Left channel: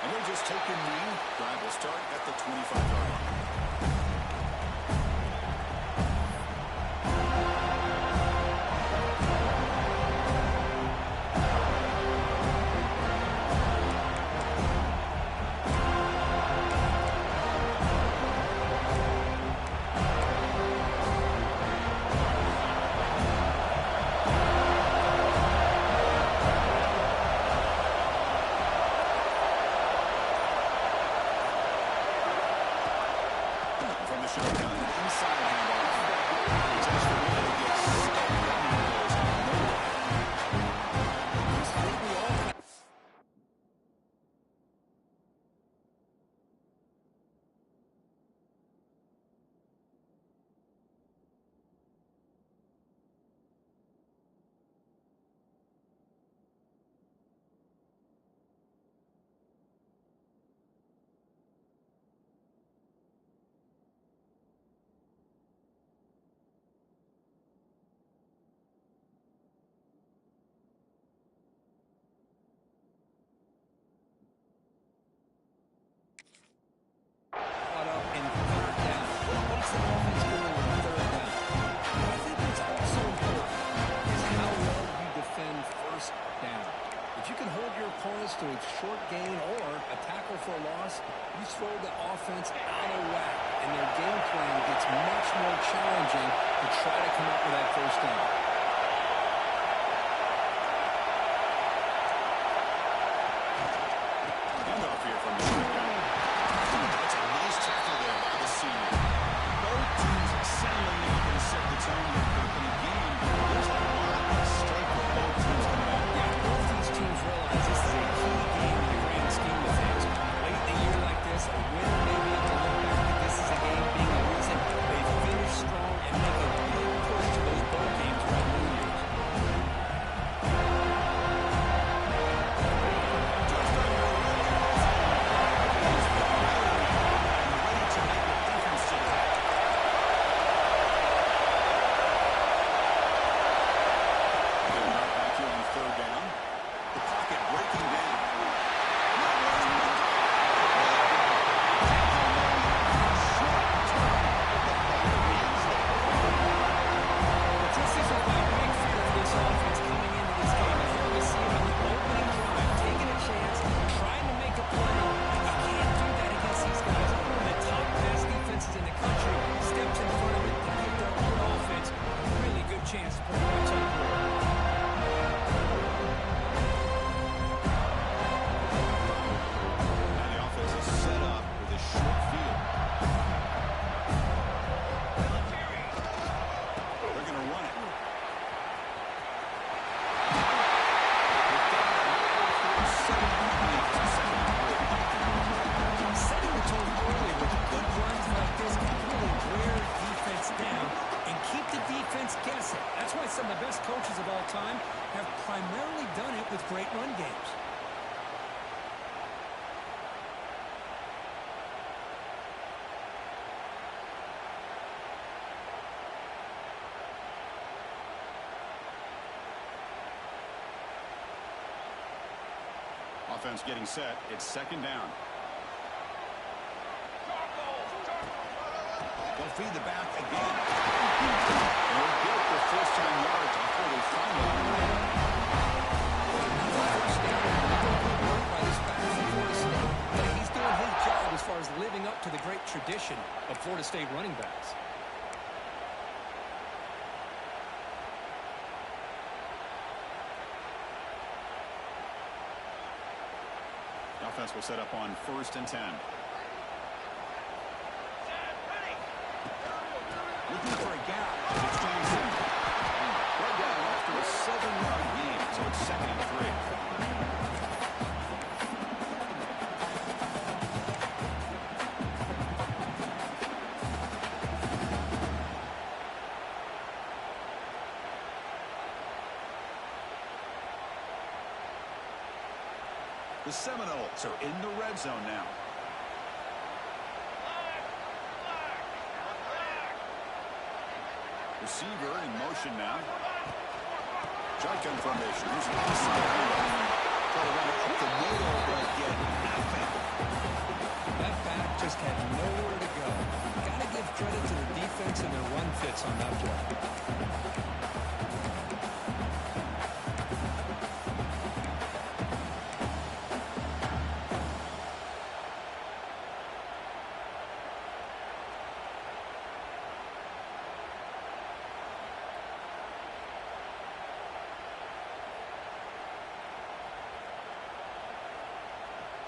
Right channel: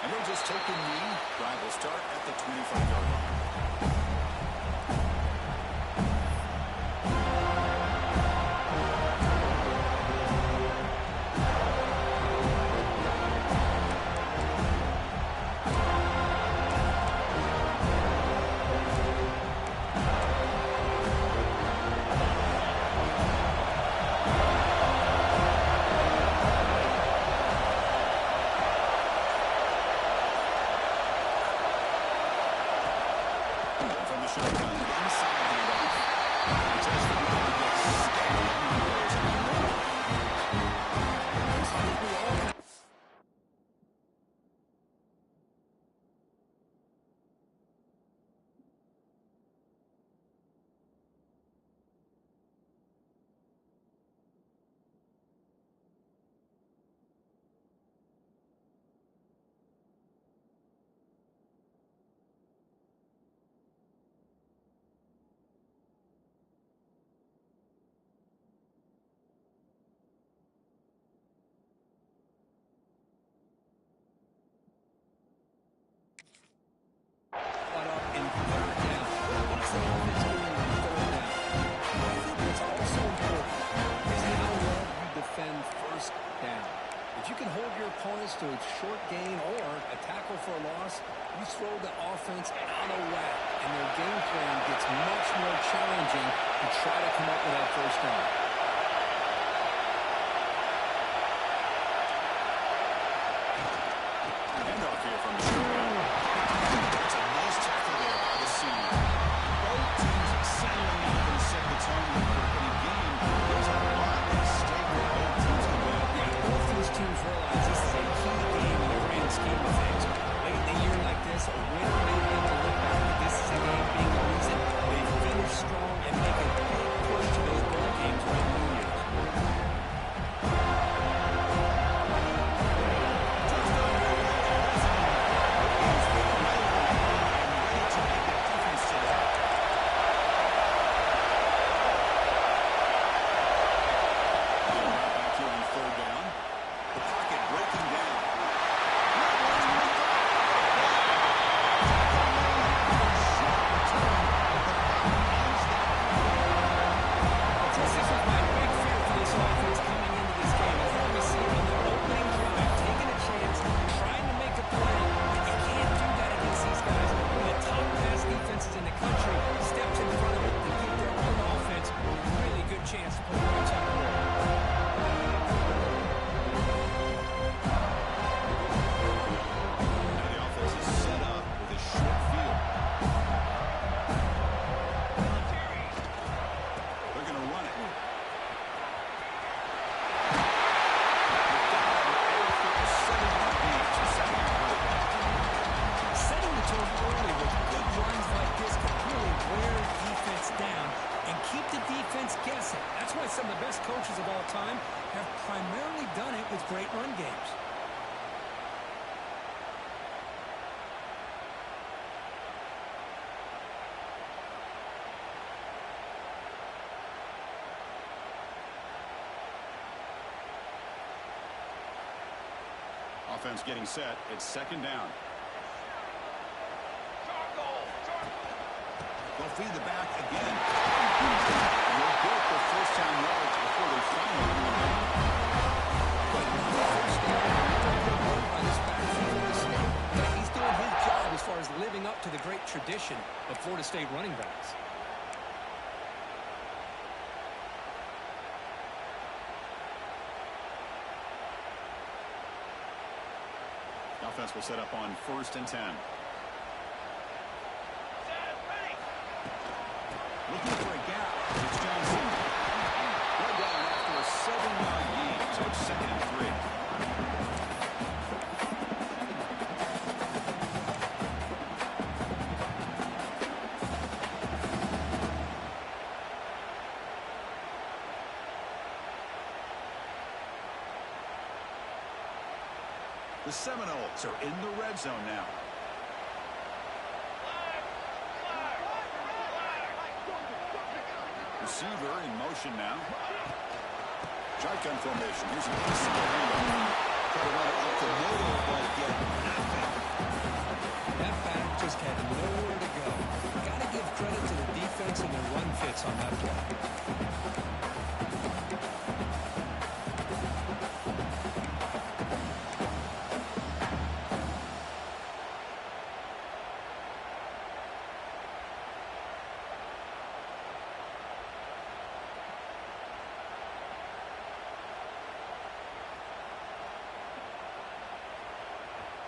And he'll just take a knee. Drive will start at the 25-yard line. From the shotgun, inside handoff. It's Escobar who gets steady and goes nowhere. I think we all kind of... Up in third down. What's the offense doing on third down? I think what's also important is how well you defend first down. If you can hold your opponents to a short gain or a tackle for a loss, you throw the offense out of whack, and their game plan gets much more challenging to try to come up with that first down. Handoff here from the shotgun. That's a nice tackle there by the senior. Both teams settling in and set the tone here, Kirk. In a game, there's a lot at stake for both teams to win. Yeah, both these teams realize this is a key game in the grand scheme of things. Late in a year like this, a winner may be able to look back at this as a game being the reason they finish strong and make a big push to those bowl games around New Year's. Chance to put points on the board. Now the offense is set up with a short field. They're going to run it. They've got an effort setting the beat to 7-3. Setting the tone early with good runs like this can really wear defense down and keep the defense guessing. That's why some of the best coaches of all time have primarily done it with great run games. Offense getting set. It's second down. They'll feed the back again. And they'll get the first-down yards before they finally regain. Another first down and another good work by this back from Florida State. But he's doing his job as far as living up to the great tradition of Florida State running backs. The offense will set up on 1st and 10. Looking for a gap. It's Johnson. Brought down after a 7-yard gain, so it's 2nd and 3. The Seminoles are in the red zone now. Receiver in motion now. Shotgun formation. Here's an inside handoff. Try to run it up the middle, but get nothing. just had nowhere to go. Got to give credit to the defense and their run fits on that play.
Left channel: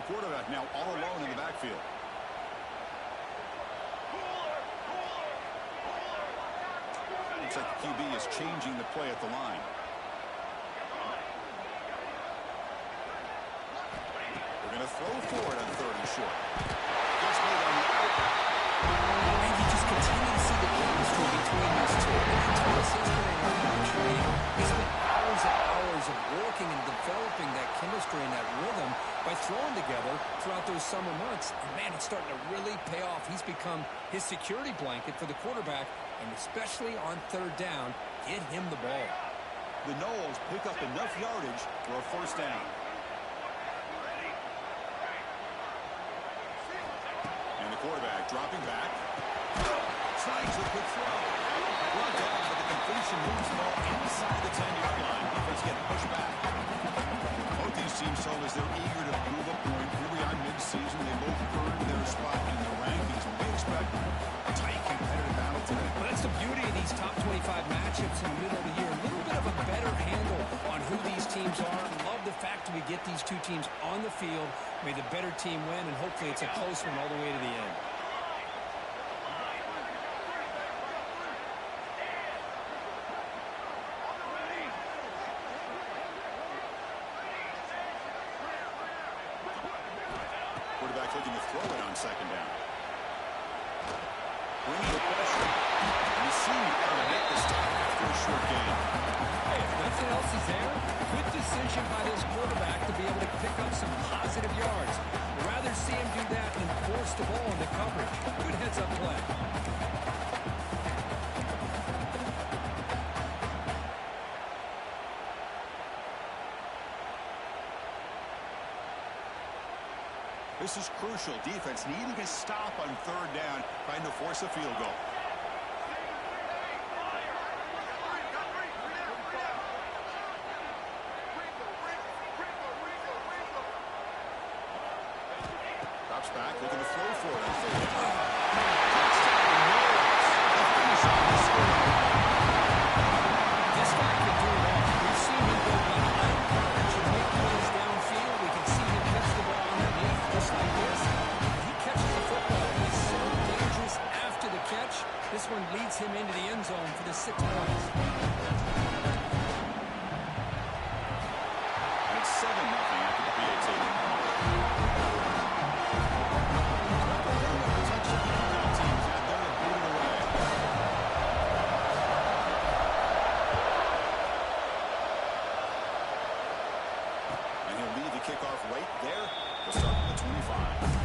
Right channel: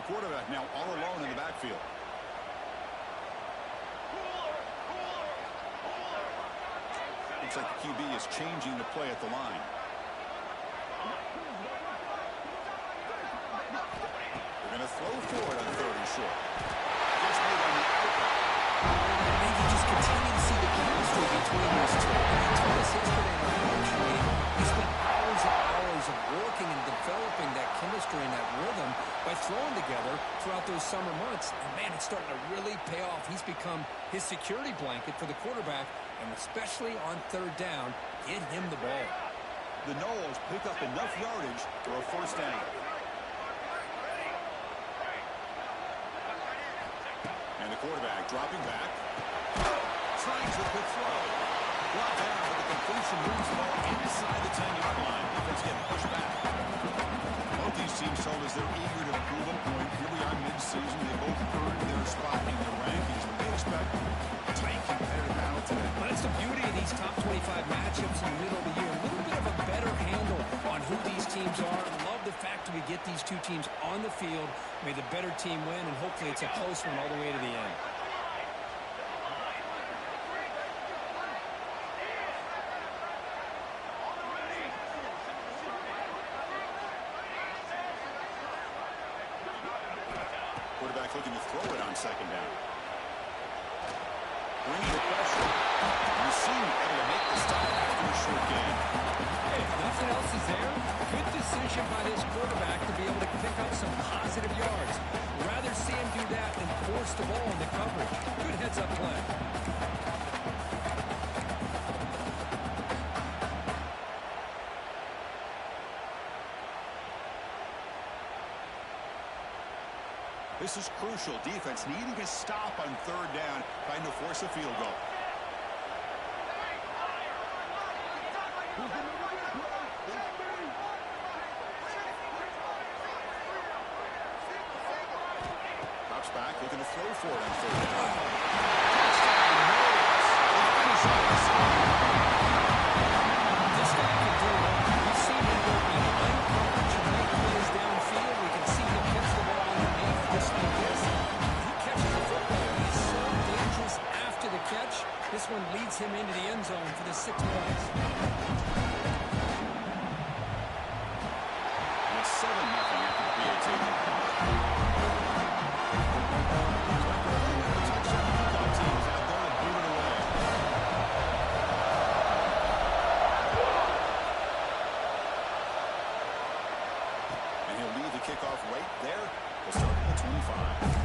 Quarterback now all alone in the backfield. Looks like the QB is changing the play at the line. They're going to throw for it on 3rd and short. Gets made on the outright. And you just continue to see the chemistry between these two. And I told us yesterday in our coach meeting, he spent hours and hours of working and developing that chemistry and that rhythm by throwing together throughout those summer months. And, man, it's starting to really pay off. He's become his security blanket for the quarterback, and especially on 3rd down, get him the ball. The Noles pick up enough yardage for a 1st down. And the quarterback dropping back. Slides a quick throw. Brought down, but the completion moves the ball inside the 10-yard line. Defense getting pushed back. Both these teams told us they're eager to prove a point. Here we are mid-season. They both earned their spot in the rankings. We expect a tight, competitive battle today. Well, that's the beauty of these top 25 matchups in the middle of the year. A little bit of a better handle on who these teams are. Love the fact that we get these two teams on the field. May the better team win, and hopefully it's a close one all the way to the end. Quarterback looking to throw it on 2nd down. Bringing the pressure. And the senior able to make the stop after a short gain. Hey, if nothing else is there, good decision by this quarterback to be able to pick up some positive yards. Rather see him do that than force the ball into coverage. Good heads-up play. This is crucial. Defense needing a stop on 3rd down, trying to force a field goal. Drops back, looking to throw for it on 3rd down. Touchdown, Noles. They finish on the score. This guy can do it all. We've seen him go behind coverage and make plays downfield. We can see him catch the ball underneath just like this. When he catches the football, he is so dangerous after the catch. This one leads him into the end zone for the 6 points. And it's 7-0 after the PAT. The touchdown kickoff team is out there to boot it away. And he'll leave the kickoff right there. We'll start at the 25.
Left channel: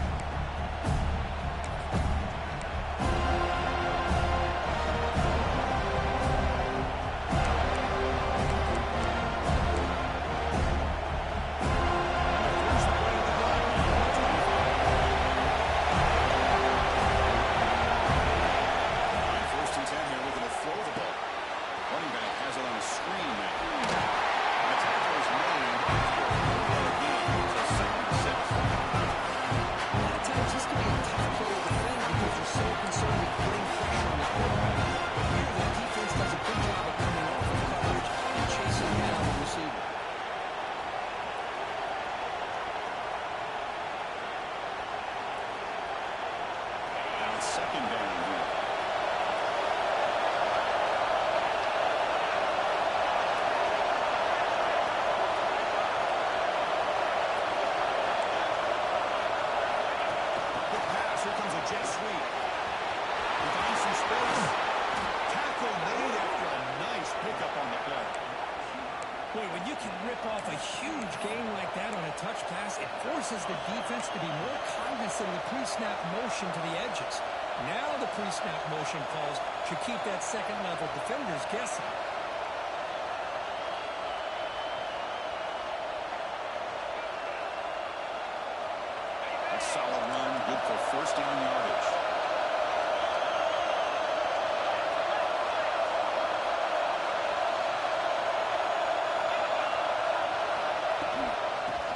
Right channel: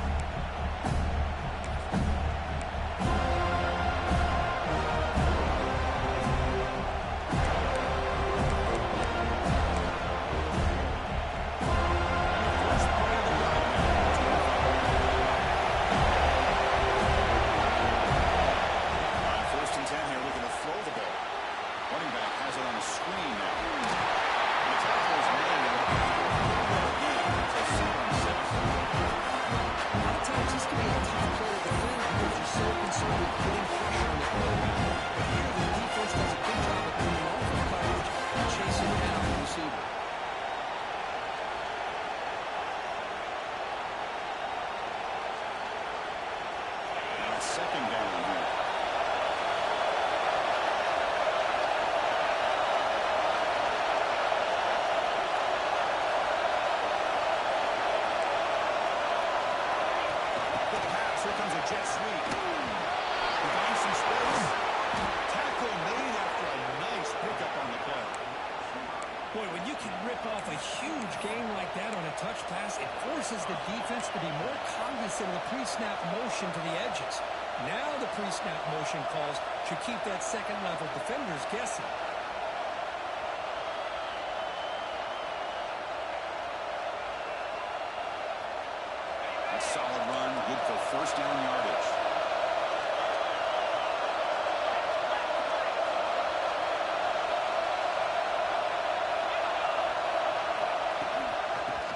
Second down here. Good pass. Here comes a jet sweep. He finds some space. Tackle made after a nice pickup on the play. Boy, when you can rip off a huge gain like that on a touch pass, it forces the defense to be more cognizant of the pre-snap motion to the edges. Now the pre-snap motion calls should keep that second-level defenders guessing. That's solid run, good for first down yardage.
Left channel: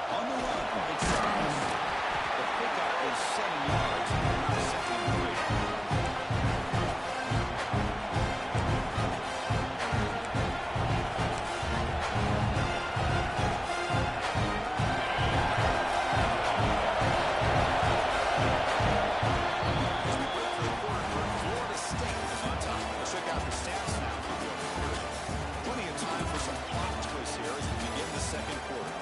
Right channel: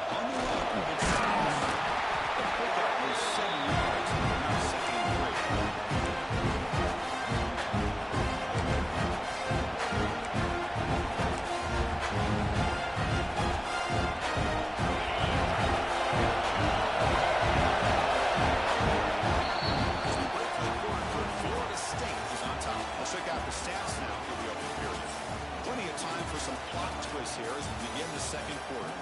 On the run, it's the pickup was 7 yards, now 2nd and 3. Check out the stats now for the open period. Plenty of time for some plot twists here as we begin the second quarter.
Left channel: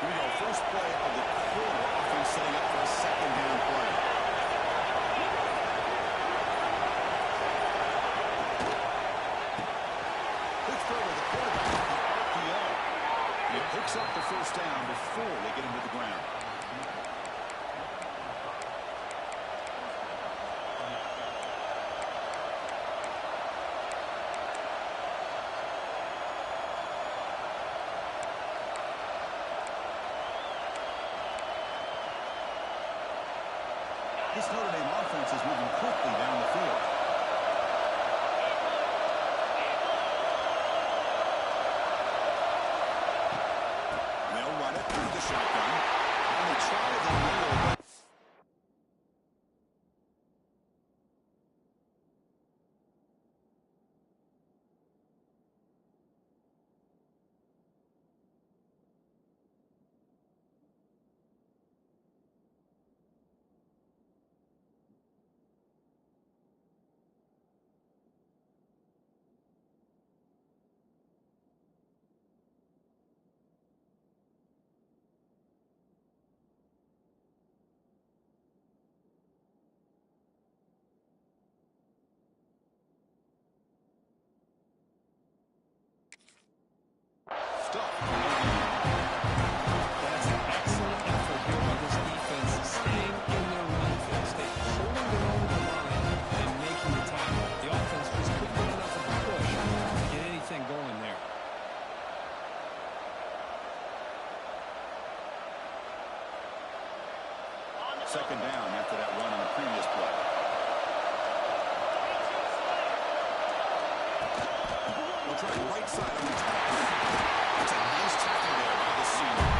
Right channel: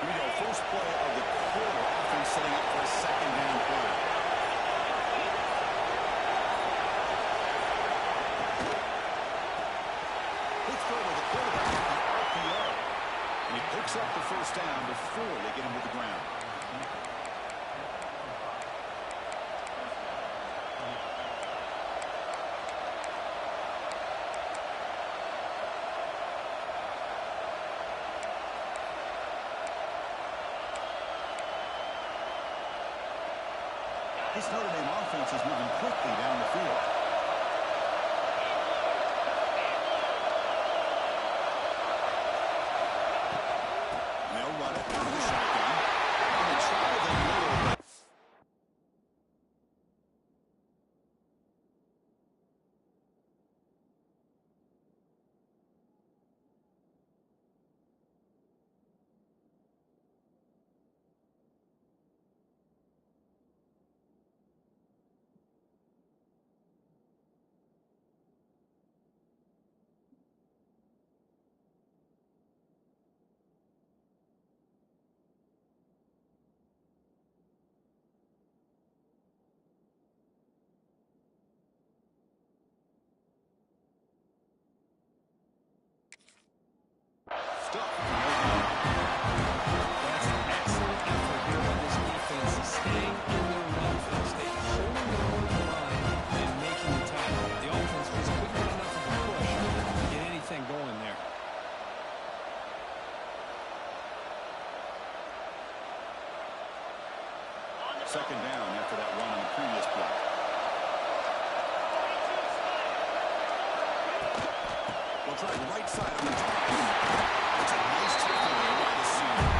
Here we go, first play of the quarter. Offense setting up for a 2nd down play. He picks up the first down before they get him to the ground. This Notre Dame offense is moving quickly down the field. They'll run it out of the shotgun. And they try the middle, but That's an excellent effort here by this defense, staying in their run phase, holding their own line and making the tackle. The offense just couldn't get enough of a push to get anything going there. second down after that run on the previous play. We'll try right side on the top. It's a nice tackle there by the senior.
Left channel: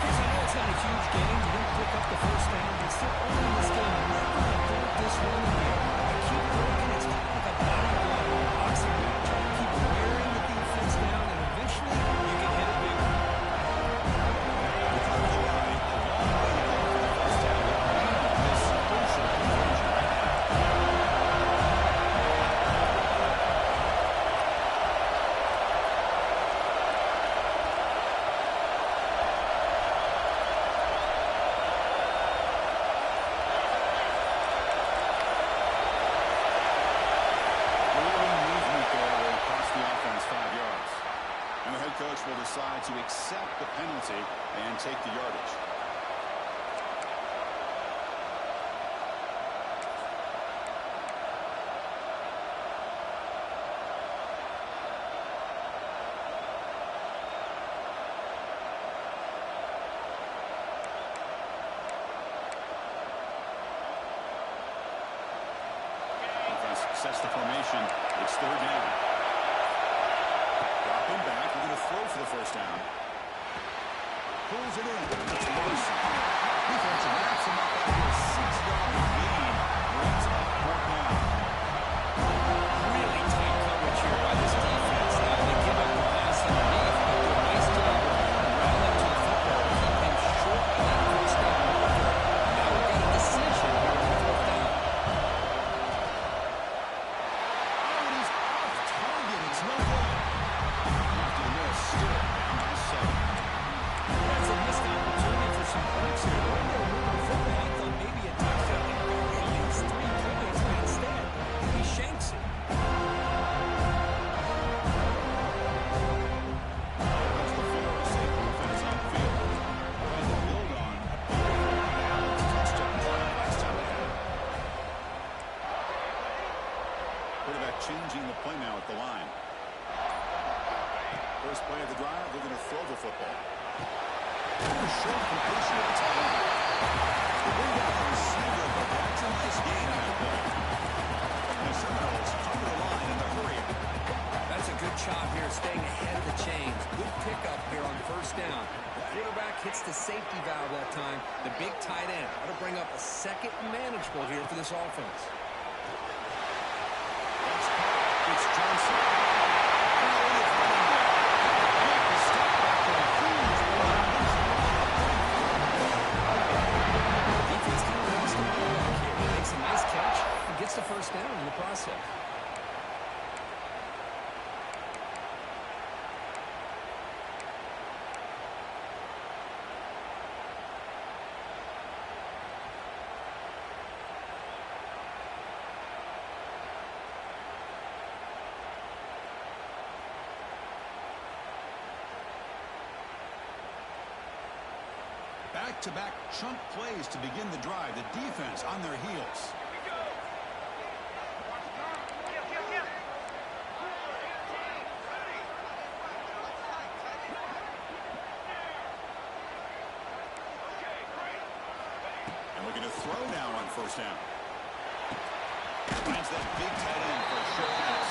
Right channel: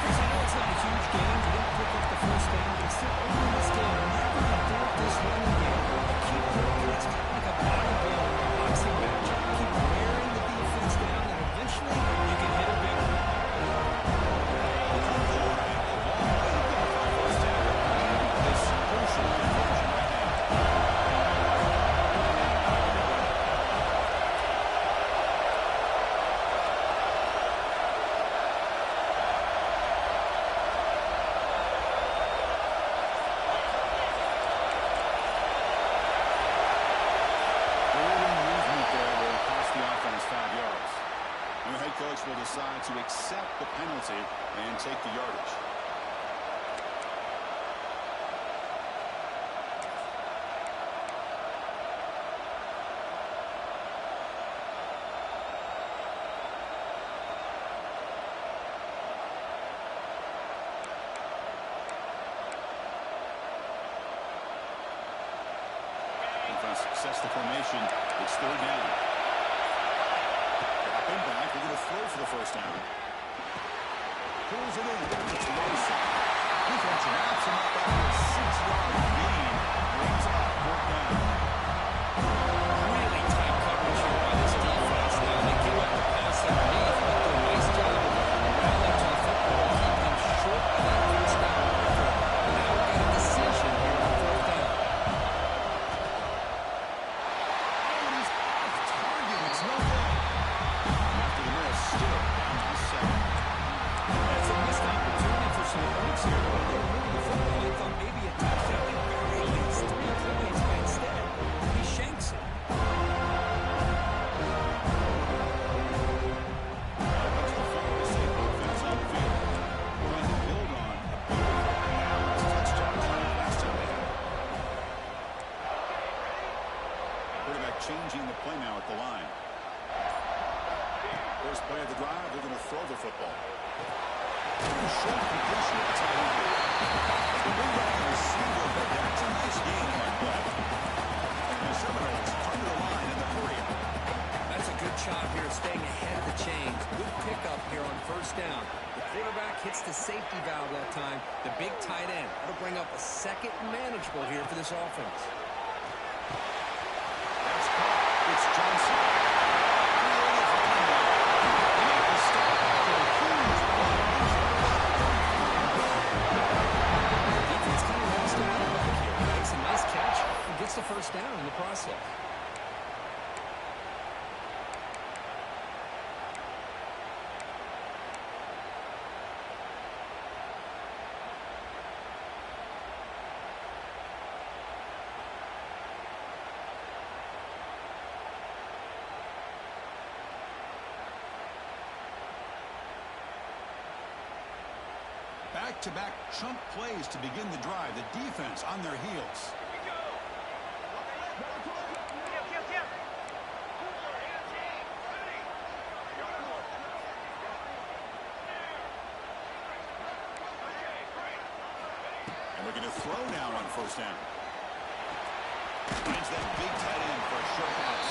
Chris, I know it's not a huge gain. You didn't pick up the first down, but still early in this game, never abort this running game. Keep working. It's kind of like a body blow or a boxing match. Keep wearing the defense down, and eventually you can hit a big one. The front of the line, a long way to go for the first down. This crucial conversion right now. The offense 5 yards. And the head coach will decide to accept the penalty and take the yardage. Offense sets the formation. It's 3rd down. Dropping back, looking to throw for the first down. Pulls it in. It's Larson. Defense wraps him up after a 6-yard gain. Brings up 4th down. Really tight coverage here by this defense. Now they give up the pass underneath, but do a nice job of rallying to the football to keep him short of that first down marker. Now we've got a decision here on 4th down. Oh, and he's off target. It's no good. After the miss, still down by 7. That's a missed opportunity for some points here. The way they were moving the football, I thought maybe a touchdown. They barely at least 3 points, but instead, he shanks it. play now at the line. First play of the drive, they're going to throw the football. Short completion at the tight end. They bring down the receiver, but that's a nice gain on that play. And the Seminoles under the line in the hurry-up. That's a good job here staying ahead of the chains. Good pickup here on first down. The quarterback hits the safety valve that time. The big tight end. That'll bring up a second manageable here for this offense. That's caught. It's Johnson. Creative running there. They make the stop after a huge run. Defense kind of lost a running back here. He makes a nice catch and gets the first down in the process. Back-to-back chunk plays to begin the drive. The defense on their heels. Here we go. And looking to throw now on first down. Finds that big tight end for a short pass.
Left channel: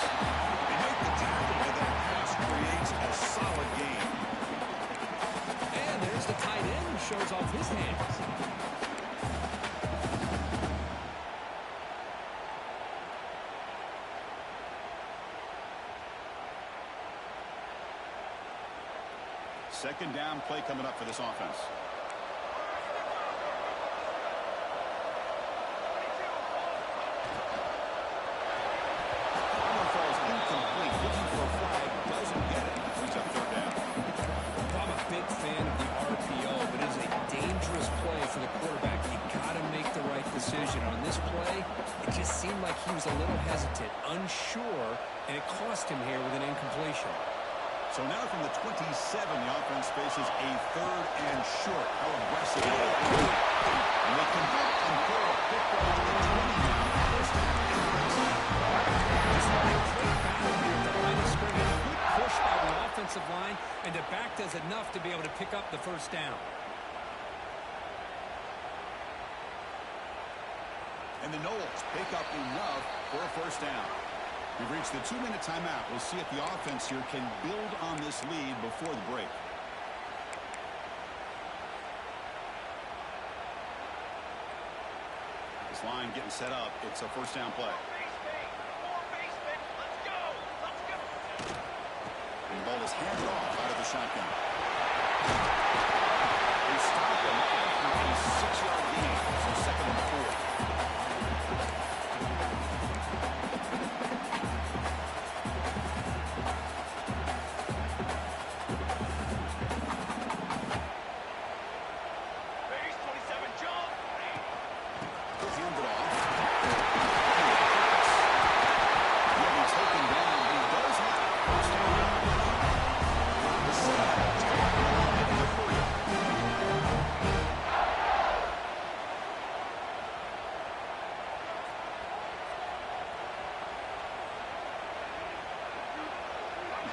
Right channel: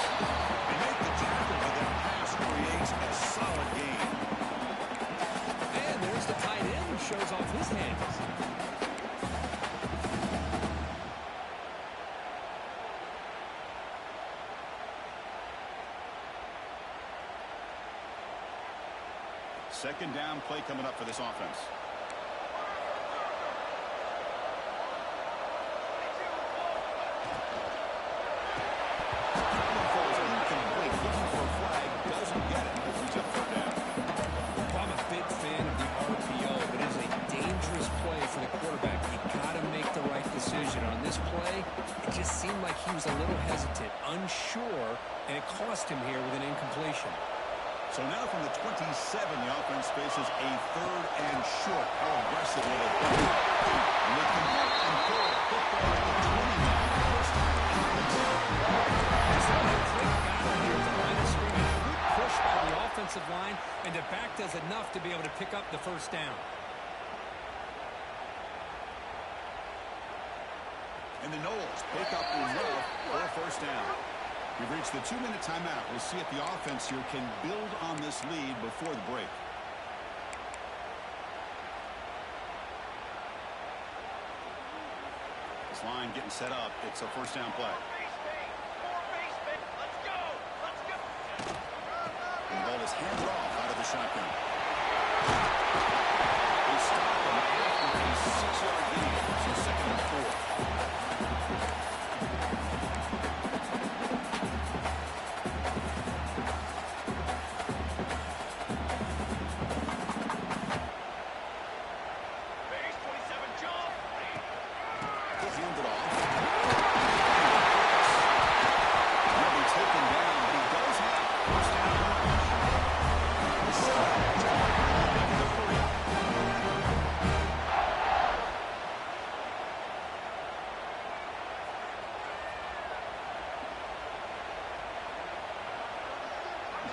They make the tackle, but that pass creates a solid gain. And there's the tight end who shows off his hands. Second down play coming up for this offense. Falls incomplete. Looking for a flag. Doesn't get it. Brings up third down. I'm a big fan of the RPO, but it is a dangerous play for the quarterback. You got to make the right decision. On this play, it just seemed like he was a little hesitant, unsure, and it cost him here with an incompletion. So now from the 27, the offense faces a third and short. How aggressive will they play? And they convert and throw a football to the 20 now. First down in the red zone. Just had a great battle here at the line of scrimmage. Good push by the offensive line, and the back does enough to be able to pick up the first down. And the Noles pick up enough for a first down. We've reached the 2-minute timeout. We'll see if the offense here can build on this lead before the break. This line getting set up. It's a first down play. And the ball is handed off out of the shotgun. They stop him after a 6-yard gain. So second and 4.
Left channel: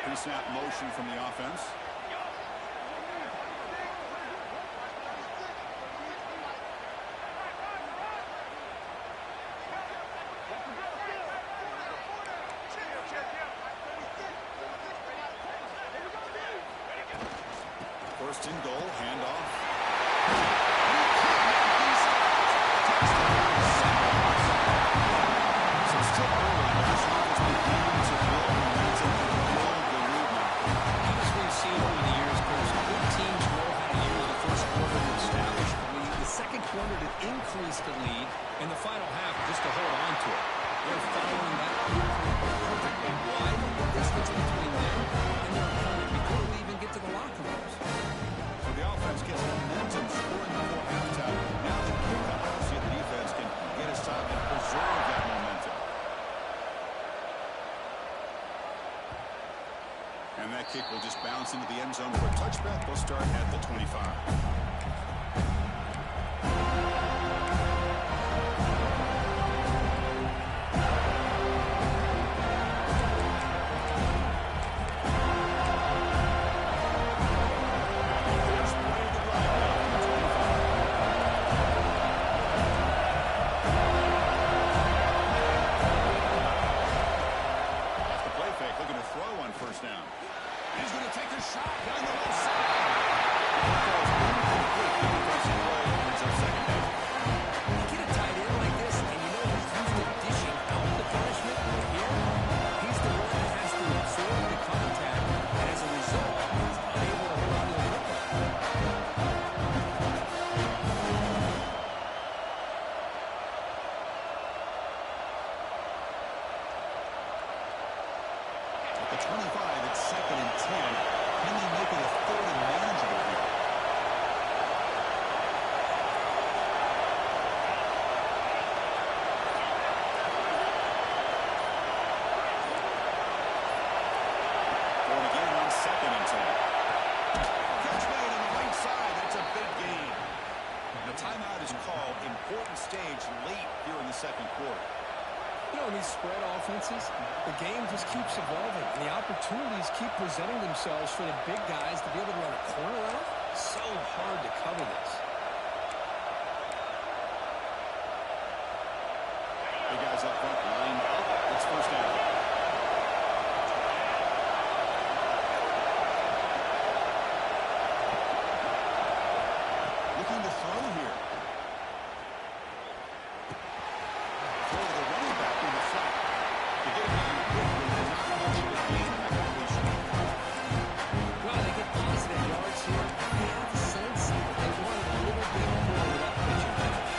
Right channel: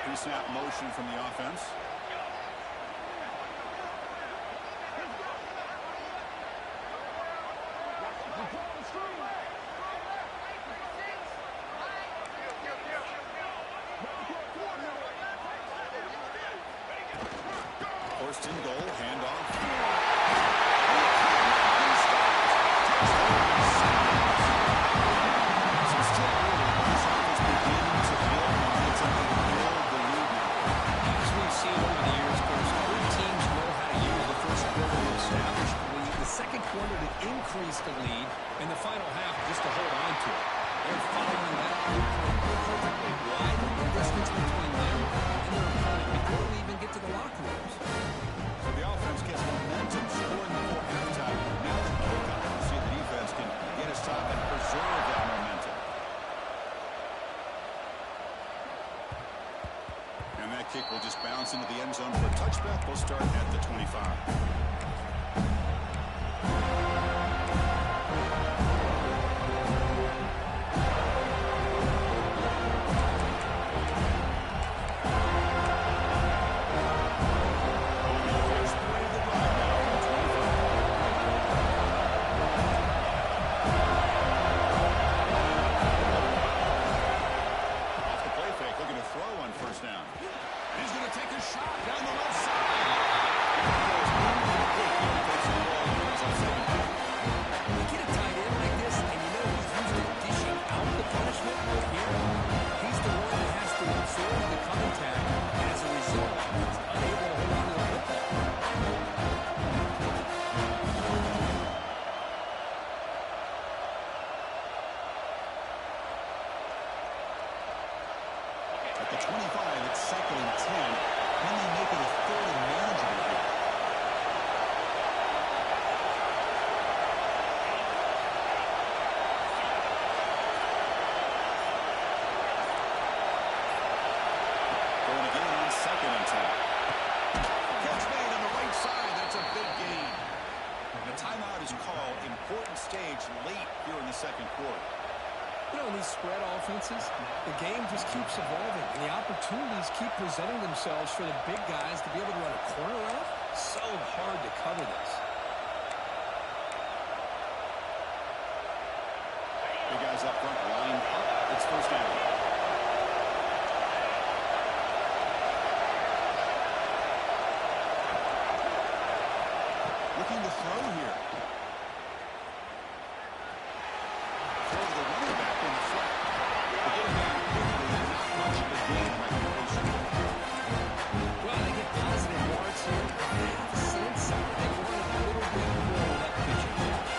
Pre-snap motion from the offense. First and goal, handoff. So still early, but this offense beginning to build momentum and build the lead now. As we've seen over the years, Chris, good teams know how to use the first quarter to establish the lead, the second quarter to increase the lead, and the final half just to hold on to it. They're following that blueprint perfectly. Widen the distance between them and their opponent before we even get to the locker rooms. So the offense gets momentum scoring before halftime. Now the kickoff. See if the defense can get a stop and preserve that momentum. And that kick will just bounce into the end zone for a touchback. They'll start at the 25. absorbed the contact, and as a result, he's unable to hold on to the football. At the 25, it's 2nd and 10. Can they make it a 3rd and manageable here? Going again on 2nd and 10. Catch made on the right side. That's a big gain. The timeout is called. Important stage late here in the 2nd quarter. You know, in these spread offenses, the game just keeps evolving, and the opportunities keep presenting themselves for the big guys to be able to run a corner out. So hard to cover this. Big guys up front lined up. It's 1st down. Looking to throw here. Throw to the running back in the flat. They get a man quickly, not much of a gain in that completion. Well, they get positive yards here. I have a sense that they wanted a little bit more with that pitching coach.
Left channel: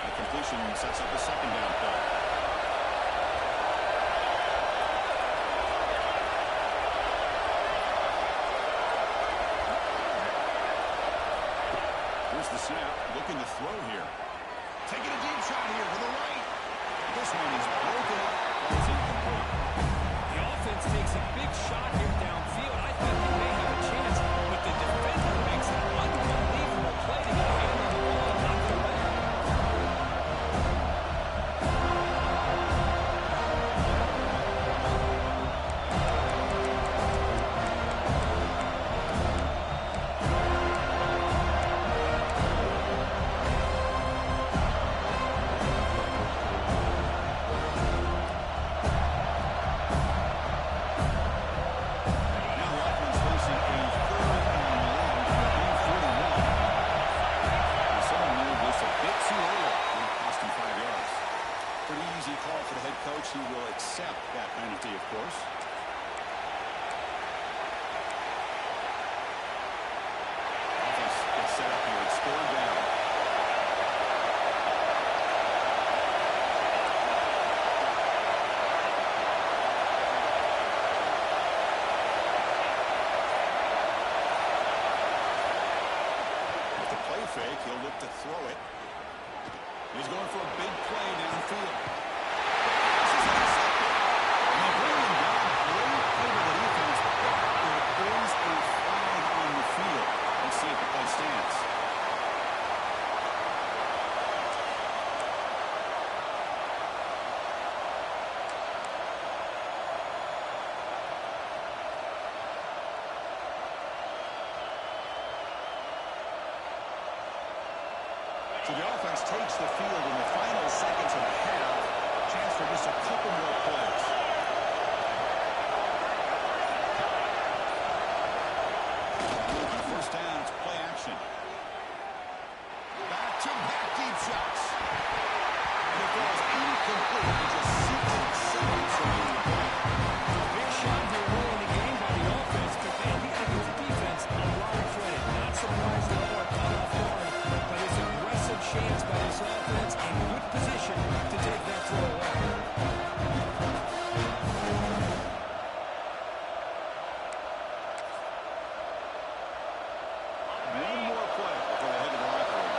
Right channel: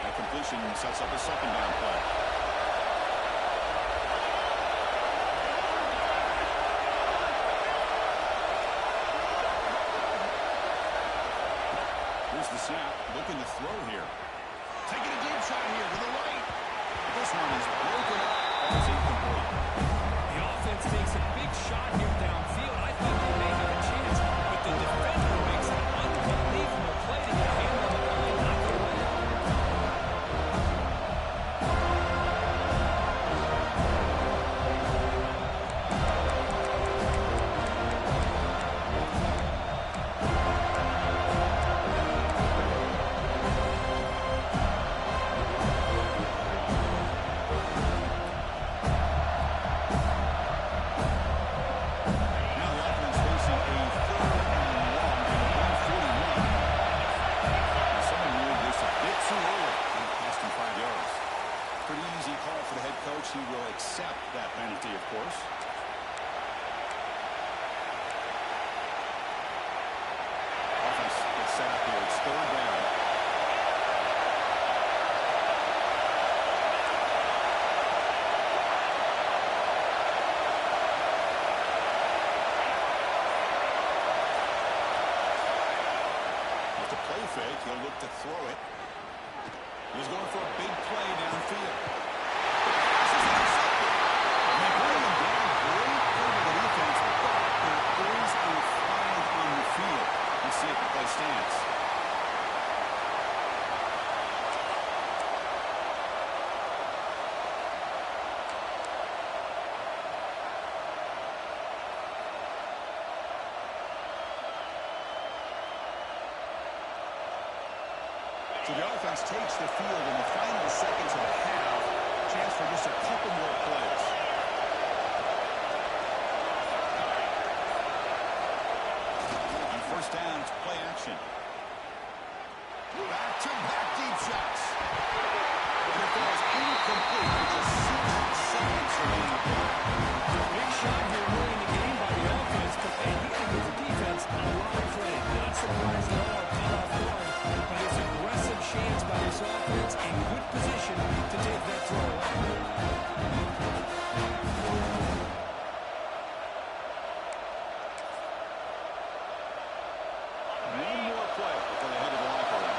That completion sets up a 2nd down play. Here's the snap, looking to throw here. Taking a deep shot here to the right. This one is broken up, falls incomplete. The offense takes a big shot here downfield. I thought they may have a chance, but the defender makes an unbelievable play to get a hand on the ball and knock it away. He will accept that penalty, of course. Offense gets set up here. It's 3rd down. With the play fake, he'll look to throw it. He's going for a big play downfield. They bring him down. Great play by the defense, but there is a flag on the field. Let's see if the play stands. So the offense takes the field in the final seconds of the half. Chance for just a couple more plays. On 1st down, it's play action. Back-to-back deep shots. And it falls incomplete with just 6 seconds remaining to play. Big shot here early in the game by the offense, but man, you got to give the defense a lot of credit. Not surprised at all or caught off guard, but it's a aggressive chance by this offense in good position to take that throw away. One more play before they head to the locker room.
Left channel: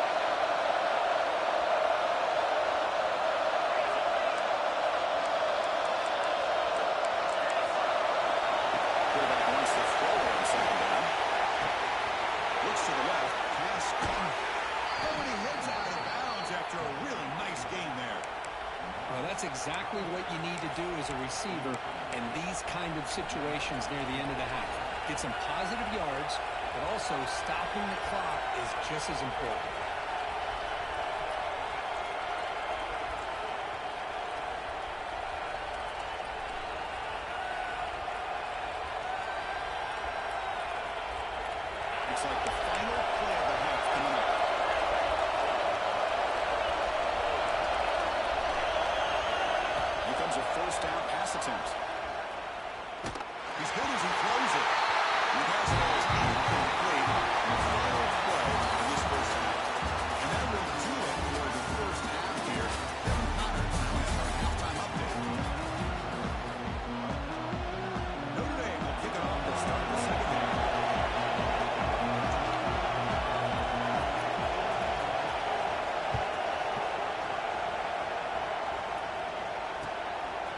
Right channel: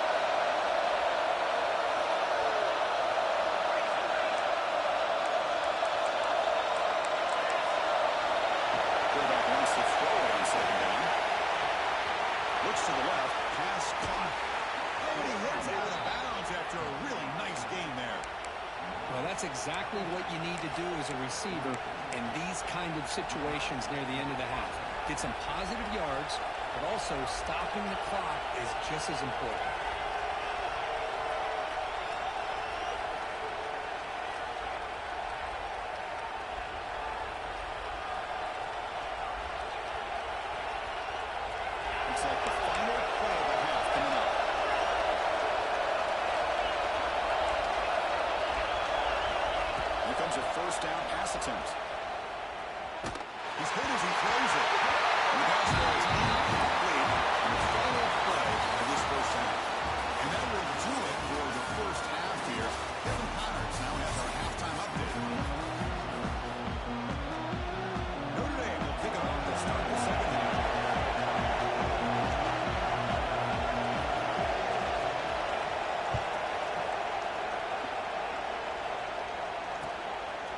Quarterback wants to throw it on 2nd down. Looks to the left. Pass caught. Oh, and he heads out of bounds after a really nice game there. Well, that's exactly what you need to do as a receiver in these kind of situations near the end of the half. Get some positive yards, but also stopping the clock is just as important. Looks like the final play of the half coming up. yards of first down pass attempts. He's good as he throws it. And the pass falls incomplete in the final play of this first half. And that will do it for the first half here. Kevin Connors now has our halftime update. Notre Dame will kick it off to start the second half.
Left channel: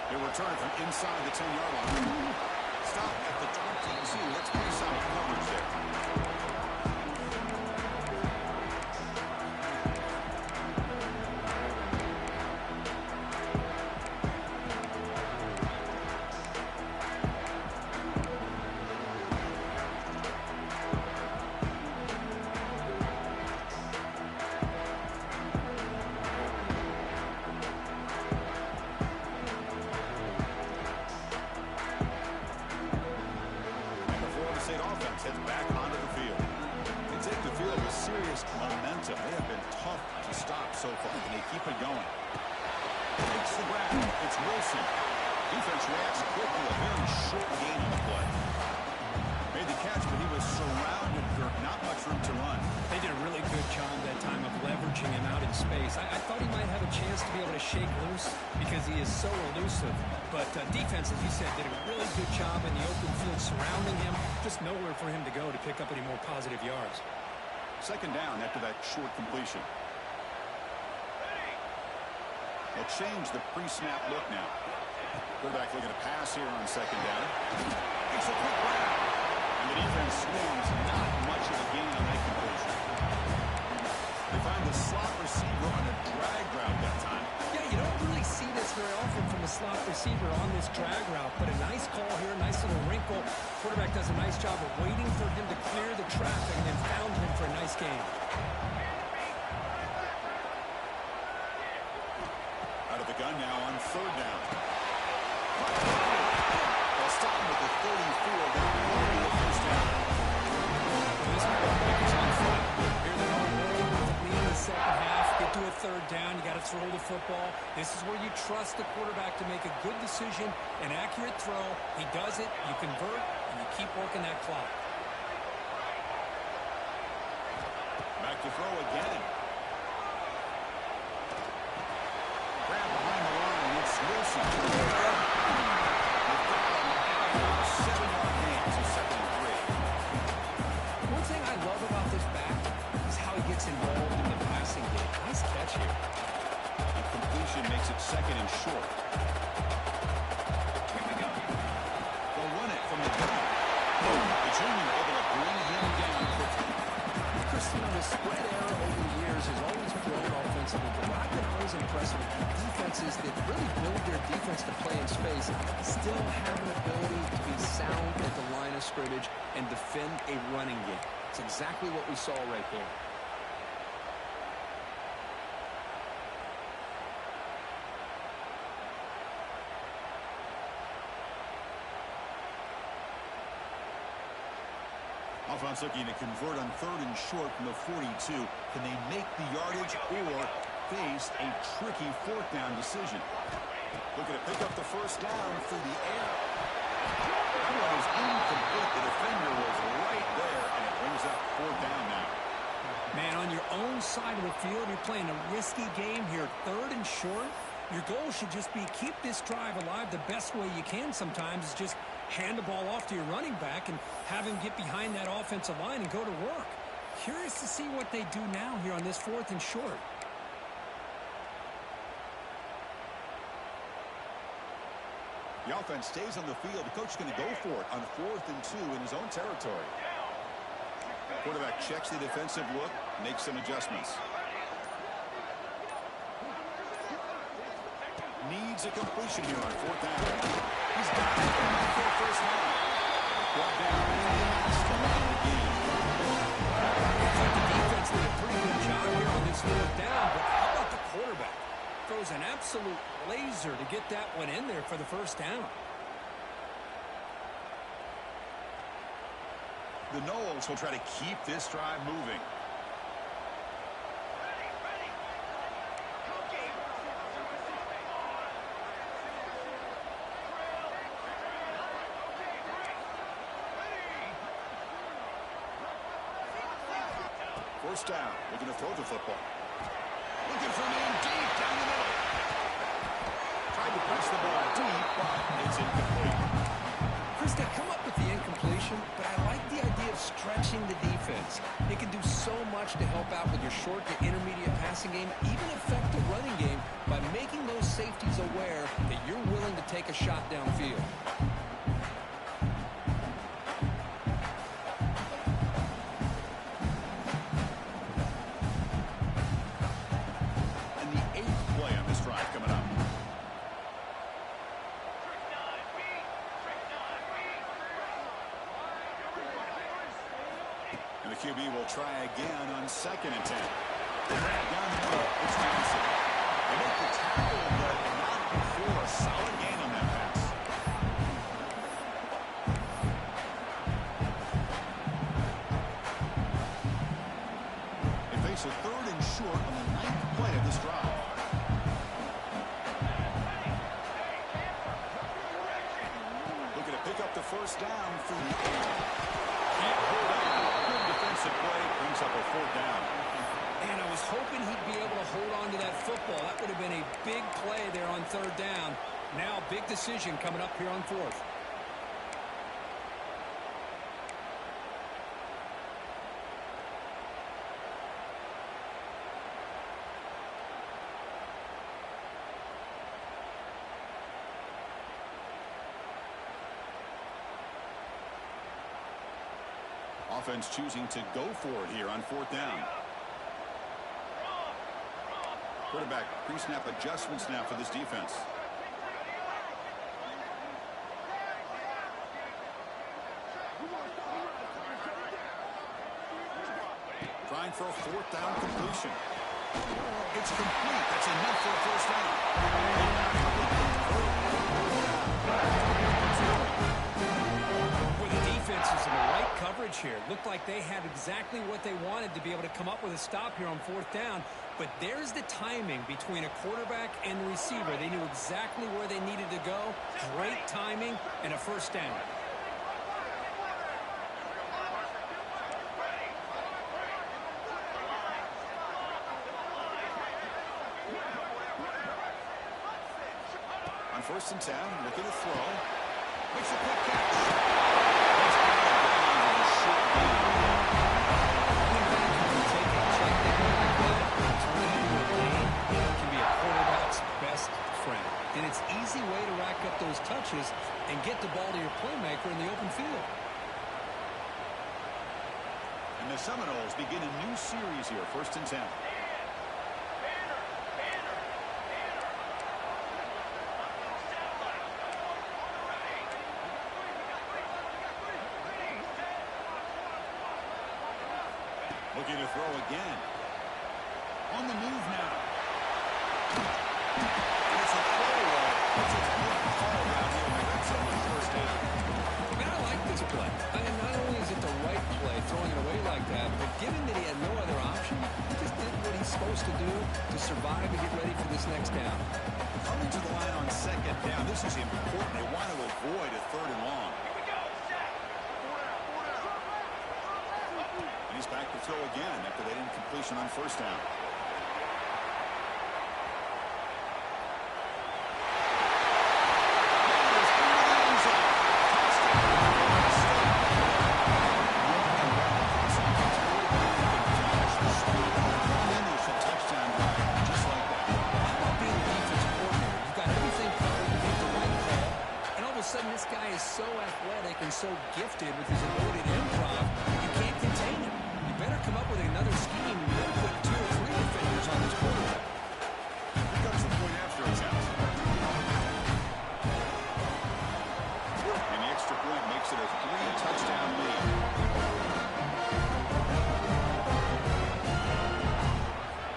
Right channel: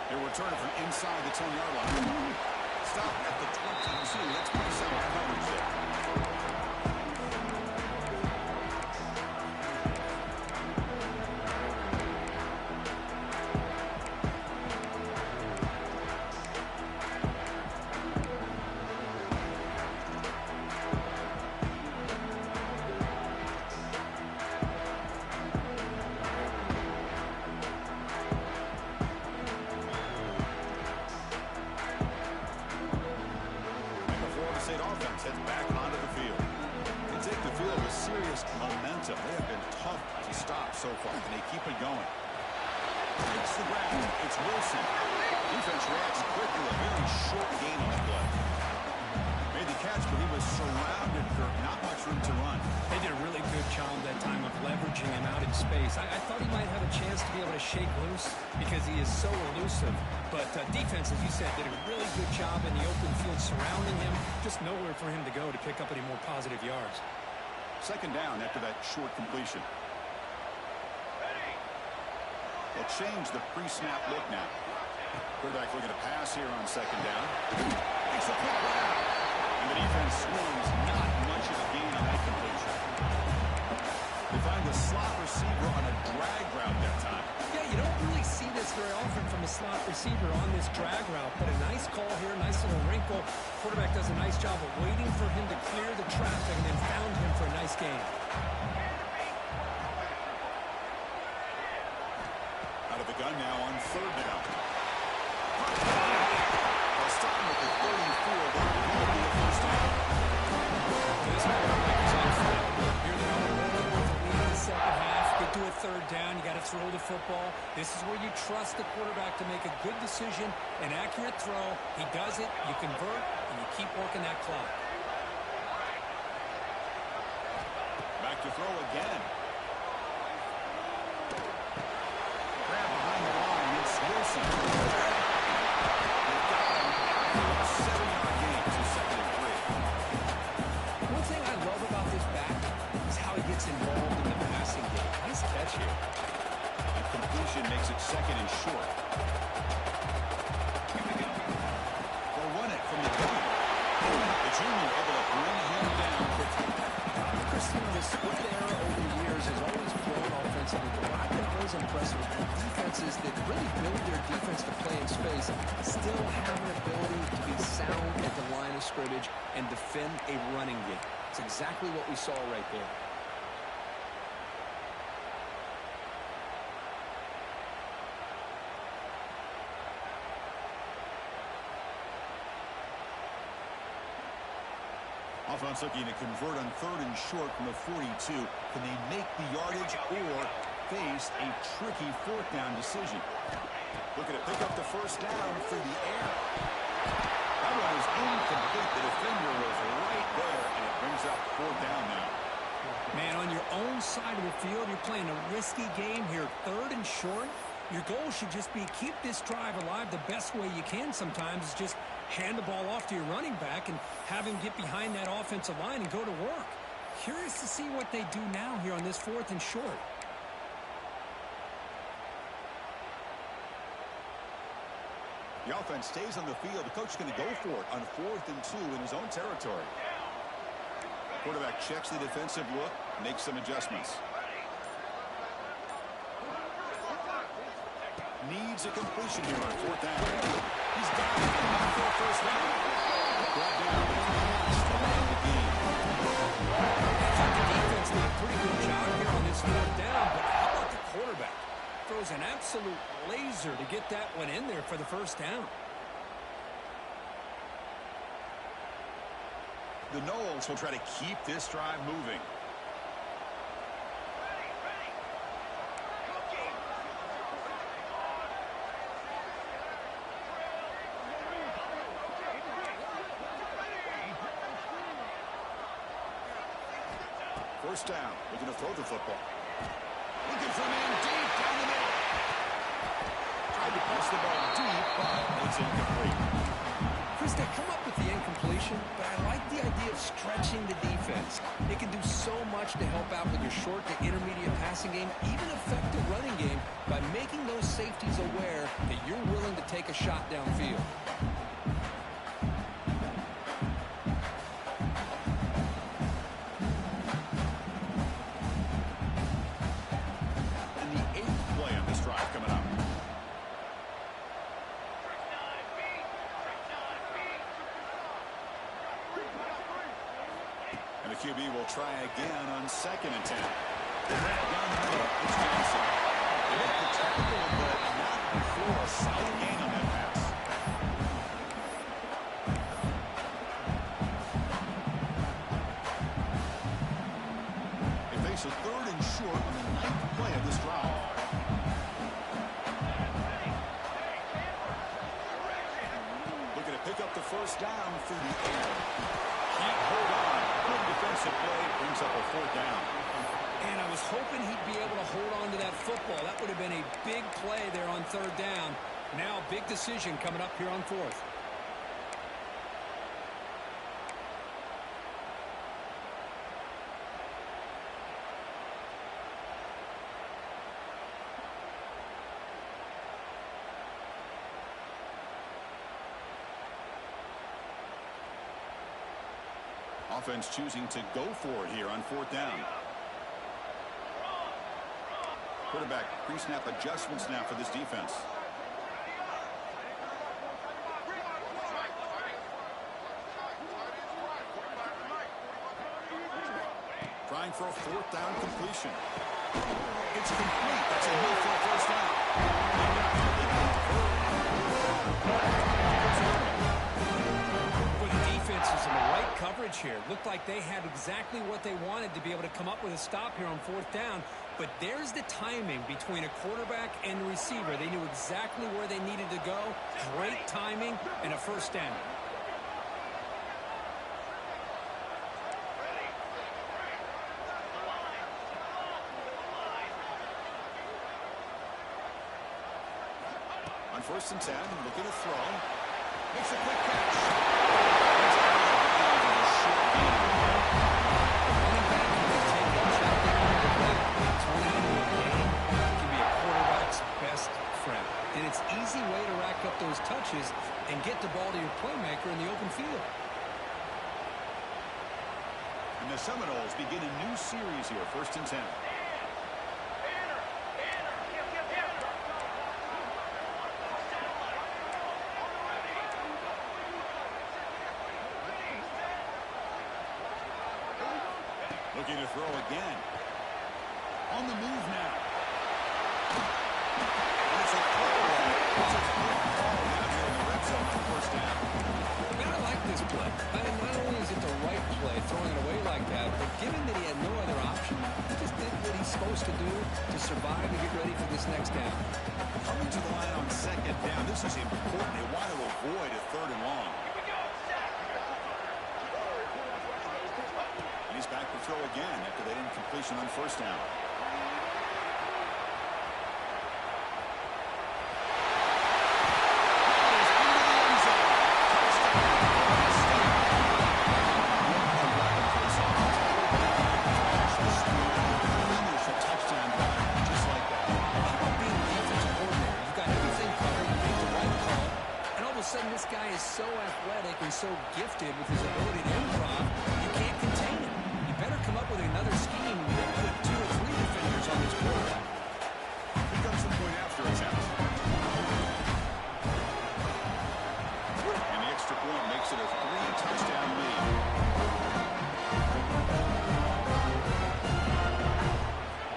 They return it from inside the 10-yard line. Stop at the 22. That's pretty solid coverage there. Heads back onto the field. They take the field with serious momentum. They have been tough to stop so far, and they keep it going. Takes the grab. It's Wilson. Defense reacts quickly. A very short gain on the play. Made the catch, but he was surrounded, Kirk. Not much room to run. They did a really good job that time of leveraging him out in space. I thought he might have a chance to be able to shake loose because he is so elusive. But defense, as you said, did a really good job in the open field surrounding him. Just nowhere for him to go to pick up any more positive yards. Second down after that short completion. They'll change the pre-snap look now. Quarterback looking to pass here on second down. Makes a quick grab. And the defense swarms. Not much of a gain on that completion. They find the slot receiver on a drag route that time. Yeah, you don't really see this very often from a slot receiver on this drag route, but a nice call here, nice little wrinkle. Quarterback does a nice job of waiting for him to clear the traffic and then found him for a nice gain. Out of the gun now on third down. They'll stop him at the 34. That will be a first down. Well, this quarterback is on fire. Here they are rolling with the lead in the second half. Get to a third down. You got to throw the football. This is where you trust the quarterback to make a good decision, an accurate throw. He does it. You convert, and you keep working that clock. Back to throw again. Grab behind the line. It's Wilson. They've got him after a 7-yard gain, so second and 3. One thing I love about this back is how he gets involved in the passing game. Nice catch here. A completion makes it second and short. They'll run it from the gun. The junior able to bring him down quickly. Christian, the spread error over the years has always grown offensively, but what I've been always impressed with defenses that really build their defense to play in space still have an ability to be sound at the line of scrimmage and defend a running game. It's exactly what we saw right there. Offense looking to convert on third and short from the 42. Can they make the yardage or face a tricky fourth down decision? Looking to pick up the first down through the air. That one is incomplete. The defender was right there, and it brings up fourth down now. Man, on your own side of the field, you're playing a risky game here. Third and short. Your goal should just be keep this drive alive the best way you can sometimes is just hand the ball off to your running back and have him get behind that offensive line and go to work. Curious to see what they do now here on this fourth and short. The offense stays on the field. The coach is going to go for it on 4th and 2 in his own territory. Quarterback checks the defensive look, makes some adjustments. Needs a completion here on 4th down. He's got it. Not for a first down. Brought down fast around the game. I thought the defense did a pretty good job here on this fourth down, but how about the quarterback? Throws an absolute laser to get that one in there for the first down. The Noles will try to keep this drive moving. First down. Looking to throw the football. Looking for a man deep down the middle. Tried to press the ball deep, but it's incomplete. Chris, they come up with the incompletion, but I like the idea of stretching the defense. It can do so much to help out with your short to intermediate passing game, even affect the running game by making those safeties aware that you're willing to take a shot downfield. And the 8th play on this drive coming up. And the QB will try again on 2nd and 10. Down the middle, it's Johnson. They make the tackle, but not before a solid gain on that pass. They face a 3rd and short on the 9th play of this drive. Looking to pick up the first down through the air. Can't hold on. Good defensive play. Brings up a 4th down. And I was hoping he'd be able to hold on to that football. That would have been a big play there on 3rd down. Now, big decision coming up here on 4th. Offense choosing to go for it here on 4th down. Quarterback pre-snap adjustments now for this defense. Trying for a 4th down completion. It's complete. That's enough for a first down. Boy, the defense is in the right coverage here. Looked like they had exactly what they wanted to be able to come up with a stop here on 4th down. But there's the timing between a quarterback and the receiver. They knew exactly where they needed to go. Great timing and a first down. On 1st and 10, looking to throw. Makes a quick catch. It's out of bounds in a short gain. Running back can take a check down like that and turn it into a gain. It can be a quarterback's best friend. And it's an easy way to rack up those touches and get the ball to your playmaker in the open field. And the Seminoles begin a new series here, 1st and 10. Looking to throw again. On the move now. And it's a throwaway. It's a good call down here in the red zone on 1st down. Man, I like this play. And not only is it the right play, throwing it away like that, but given that he had no other option, he just did what he's supposed to do to survive and get ready for this next down. Coming to the line on 2nd down. This is important. They want to avoid a 3rd and long. And he's back to throw again after that incompletion on 1st down. This guy is so athletic and so gifted with his ability to improv, you can't contain him. You better come up with another scheme and then put 2 or 3 defenders on this quarterback. Here comes the point after attempt. And the extra point makes it a 3-touchdown lead.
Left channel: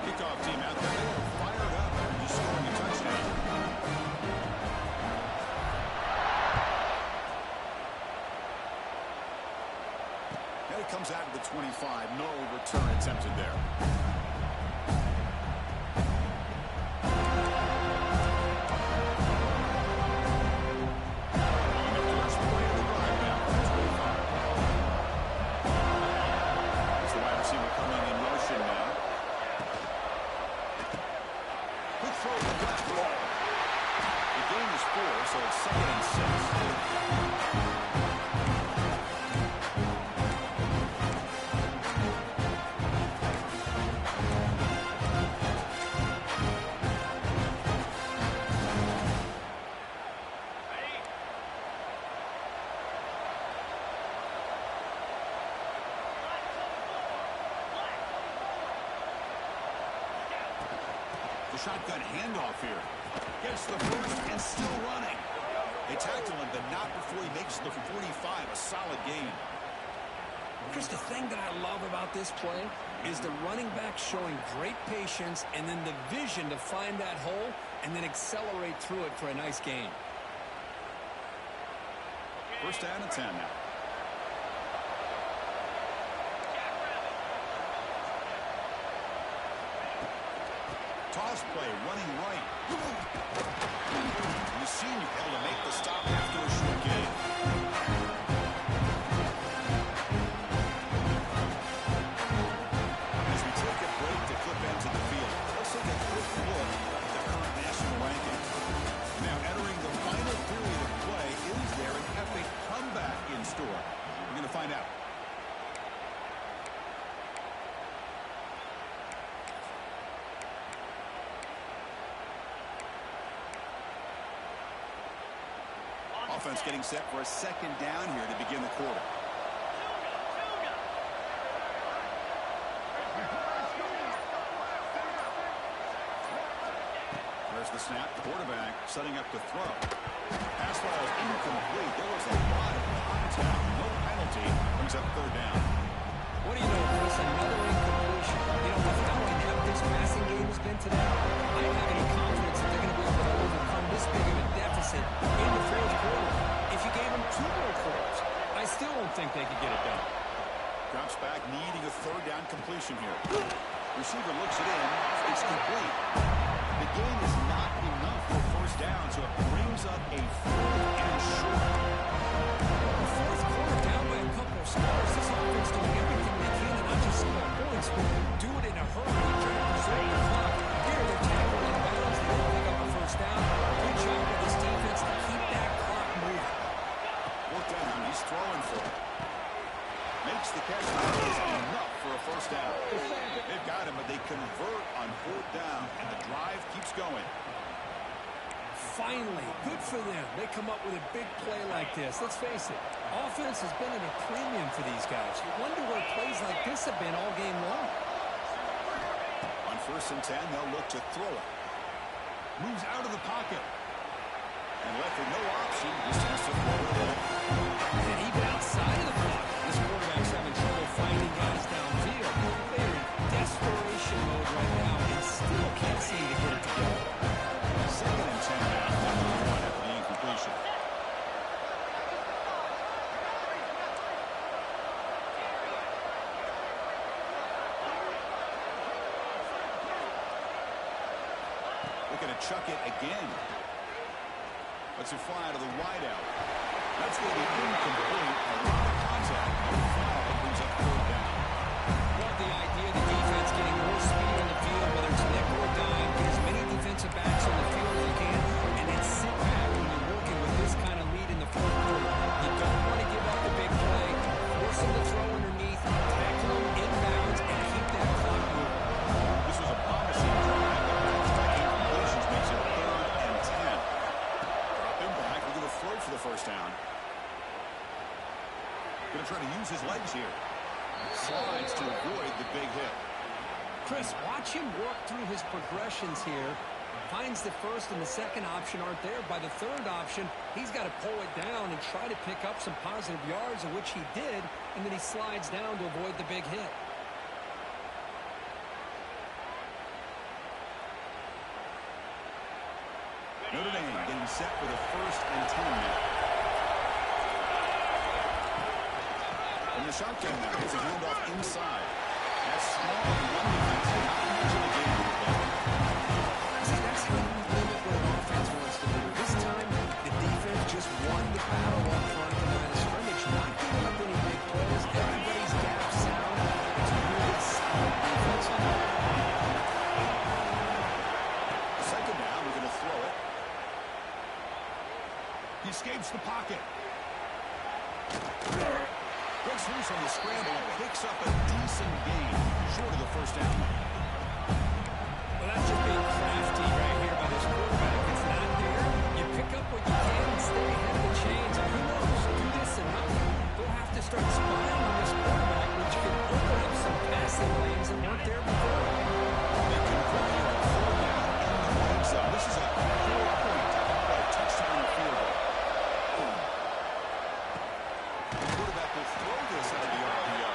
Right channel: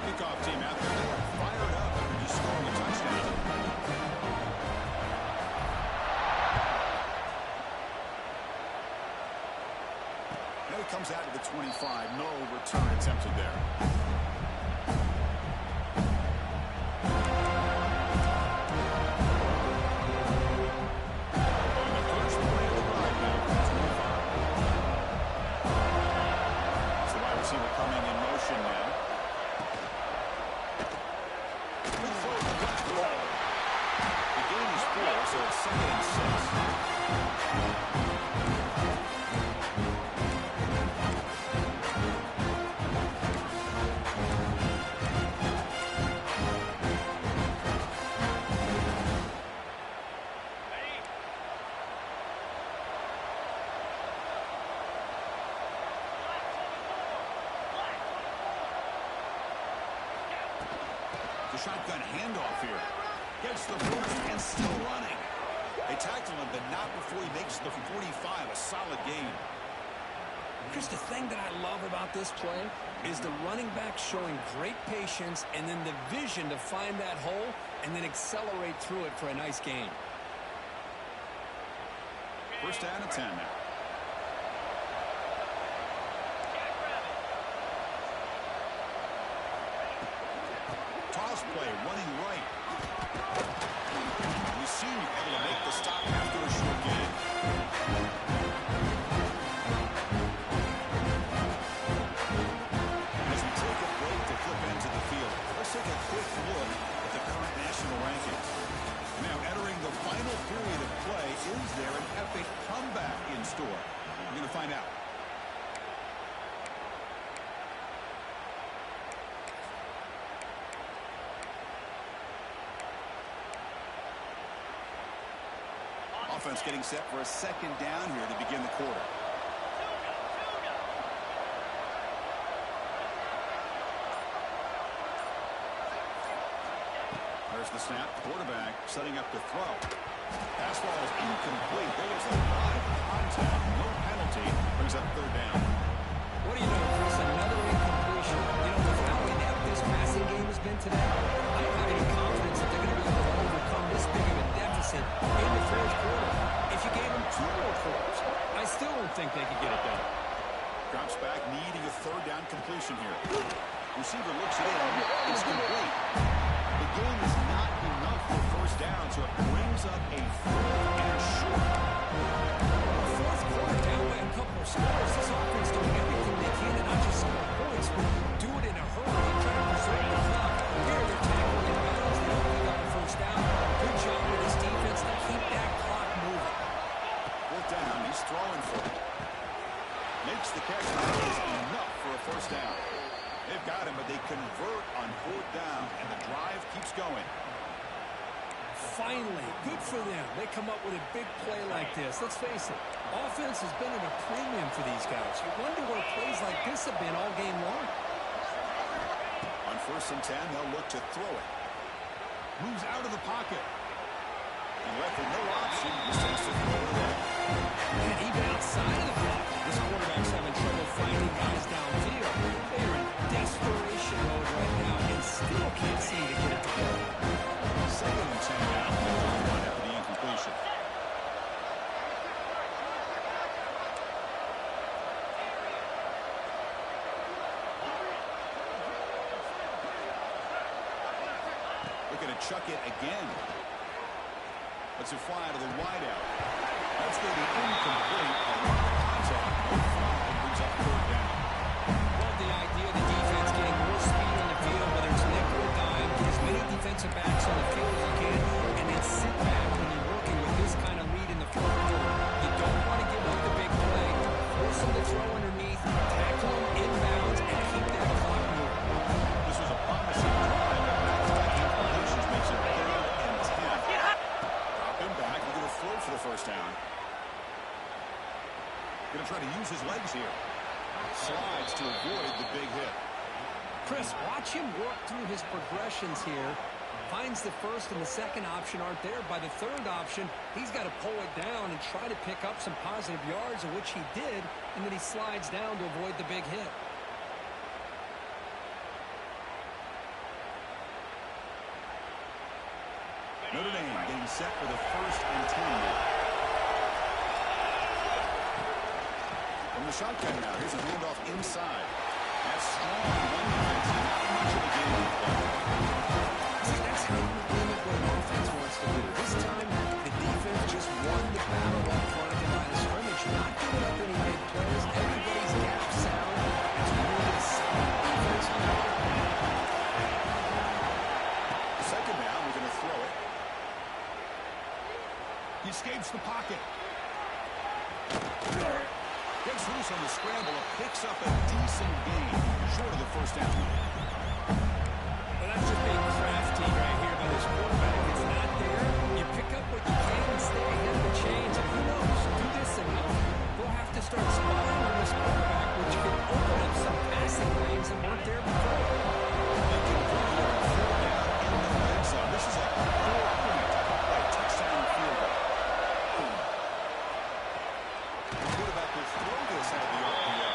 Kickoff team out there, they are fired up after just scoring a touchdown. Now he comes out of the 25. No return attempted there. On the first play of the drive now, 25. It's the wide receiver coming in motion The gain is 4, so it's 2nd and 6. The shotgun handoff here. Gets the first and still running. They tackle him, but not before he makes the 45. A solid gain. Chris, the thing that I love about this play is the running back showing great patience and then the vision to find that hole and then accelerate through it for a nice gain. First down and 10 now. Toss play, running right. And the senior able to make the stop after a short gain. As we take a break to flip into the field, let's take a quick look at the current national rankings. And now entering the final period of play, is there an epic comeback in store? We're going to find out. Offense getting set for a second down here to begin the quarter. There's the snap. Quarterback setting up to throw. Pass ball is incomplete. There was a lot of contact. No penalty. Brings up 3rd down. What do you know, Chris? Another incompletion. You know, with how inept this passing game has been today, I don't have any confidence that they're going to be able to overcome this big of a deficit in the 4th quarter. If you gave them 2 more quarters, I still don't think they could get it done. Drops back, needing a 3rd down completion here. Receiver looks it in. It's complete. The gain is not enough for 1st down, so it brings up a 4th and short. The 4th quarter down by a couple of scores. This offense doing everything they can to not just score points, but do it in a hurry, trying to preserve the clock. Here, they're tackling in bounds. They don't pick up a 1st down. Good job with this defense to keep that clock moving. 4th down, he's throwing for it. Makes the catch. That is enough for a 1st down. They've got him, but they convert on 4th down, and the drive keeps going. Finally, good for them. They come up with a big play like this. Let's face it, offense has been at a premium for these guys. You wonder where plays like this have been all game long. On 1st and 10, they'll look to throw it. Moves out of the pocket. And left with no option, just has to throw it away. And even outside of the pocket, this quarterback's having trouble finding guys downfield. They are in desperation mode right now and still can't seem to get it together. 2nd and 10 now, after the incompletion. Looking to chuck it again. Lets it fly to the wideout. That's going to be incomplete. A lot of contact. No flag. Brings up 3rd down. Love the idea of the defense getting more speed on the field, whether it's nickel or dime. Get as many defensive backs on the field as you can, and then sit back when you're working with this kind of lead in the 4th quarter. You don't want to give up the big play. Force them to throw underneath, tackle them inbounds, and keep that clock moving. This was a promising drive, but back-to-back incompletions makes it 3rd and 10. Drop him back. We're going to throw for the 1st down. Going to try to use his legs here. Slides to avoid the big hit. Chris, watch him work through his progressions here. Finds the 1st and the 2nd option aren't there. By the 3rd option, he's got to pull it down and try to pick up some positive yards, of which he did, and then he slides down to avoid the big hit. Notre Dame getting set for the 1st and 10 now. From the shotgun now, here's a handoff inside. That's strong one defense, not much of a game. See, that's how you limit what an offense wants to do. This time, the defense just won the battle up front at the line of scrimmage, not giving up any big plays. Everybody's gap sound. It's really solid defense on that. 2nd down, we're going to throw it. He escapes the pocket. Gets loose on the scramble and picks up a decent gain. Short of the first down, though. Well, that's just being crafty right here by this quarterback. It's not there. You pick up what you can and stay ahead of the chains. And who knows, do this enough, they'll have to start spying on this quarterback, which can open up some passing lanes that weren't there before. They convert here on third down in the red zone. This is a 4-point type of play. Touchdown or field goal. The quarterback will throw this out of the RPO.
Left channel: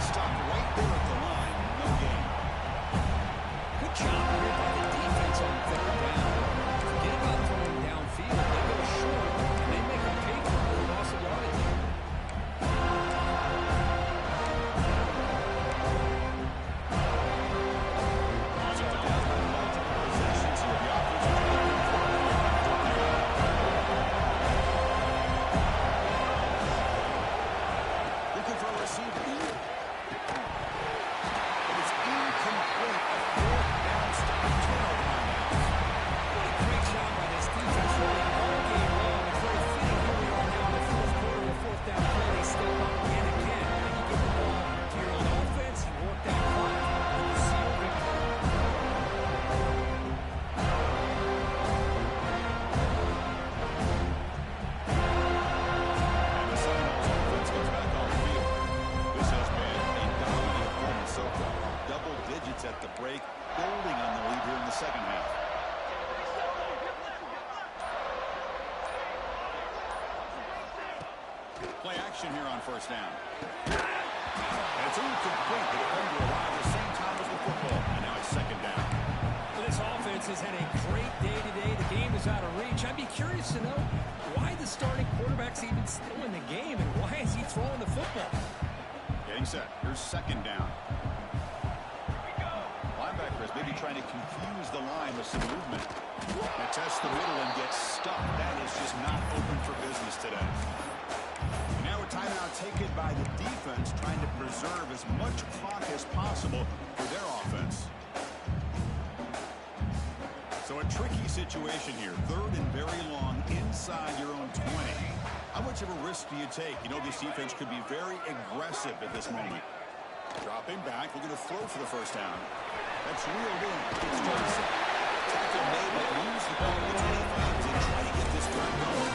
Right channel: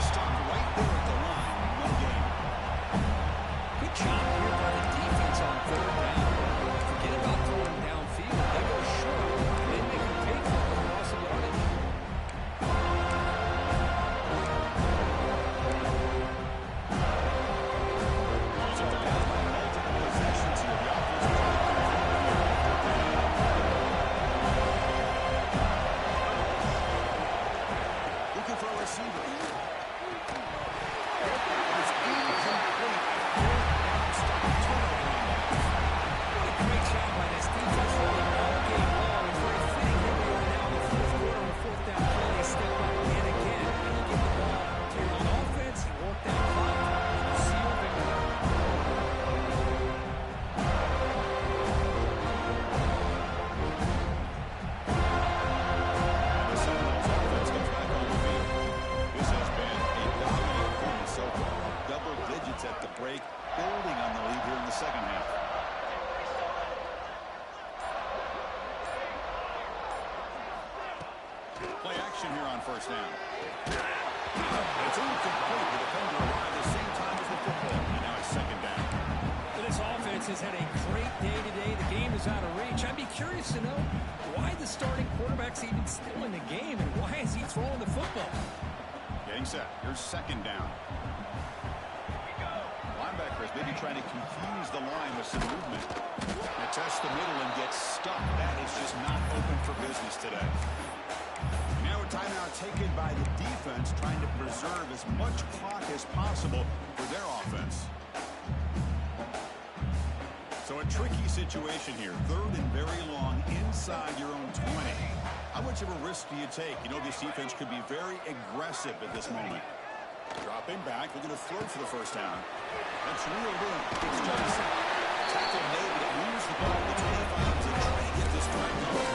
Stopped right there at the line. No gain. Good job here by the defense on third down. Forget about throwing downfield. They go short, and they make them pay for it with loss of yardage. So down by multiple possessions here. The offense will try to convert here on fourth down. Looking for a receiver. It's incomplete. A fourth down stop. Turnover on downs. What a great job by this defense really all game long. It's very fitting here we are now in the fourth quarter of a fourth down play. They step up again. And you get the ball to your own offense. You work that clock. And you see your victory. And the Seminoles offense comes back on the field. This has been a dominant performance so far. Double digits at the break, building on the lead here in the second half. Play action here on first down. And it's incomplete. The defender arrived at the same time as the football. And now it's second down. Well, this offense has had a great day today. The game is out of reach. I'd be curious to know why the starting quarterback's even still in the game and why is he throwing the football? Getting set. Here's second down. Linebacker is maybe trying to confuse the line with some movement. And test the middle and get stuck. That is just not open for business today. And now a timeout taken by the defense, trying to preserve as much clock as possible for their offense. So a tricky situation here. Third and very long inside your own 20. How much of a risk do you take? You know, this defense could be very aggressive at this moment. Dropping back, looking to throw for the first down. That's reeled in. It's Johnson. Tackle made, but it moves the ball to the 25 as they try to get this drive going.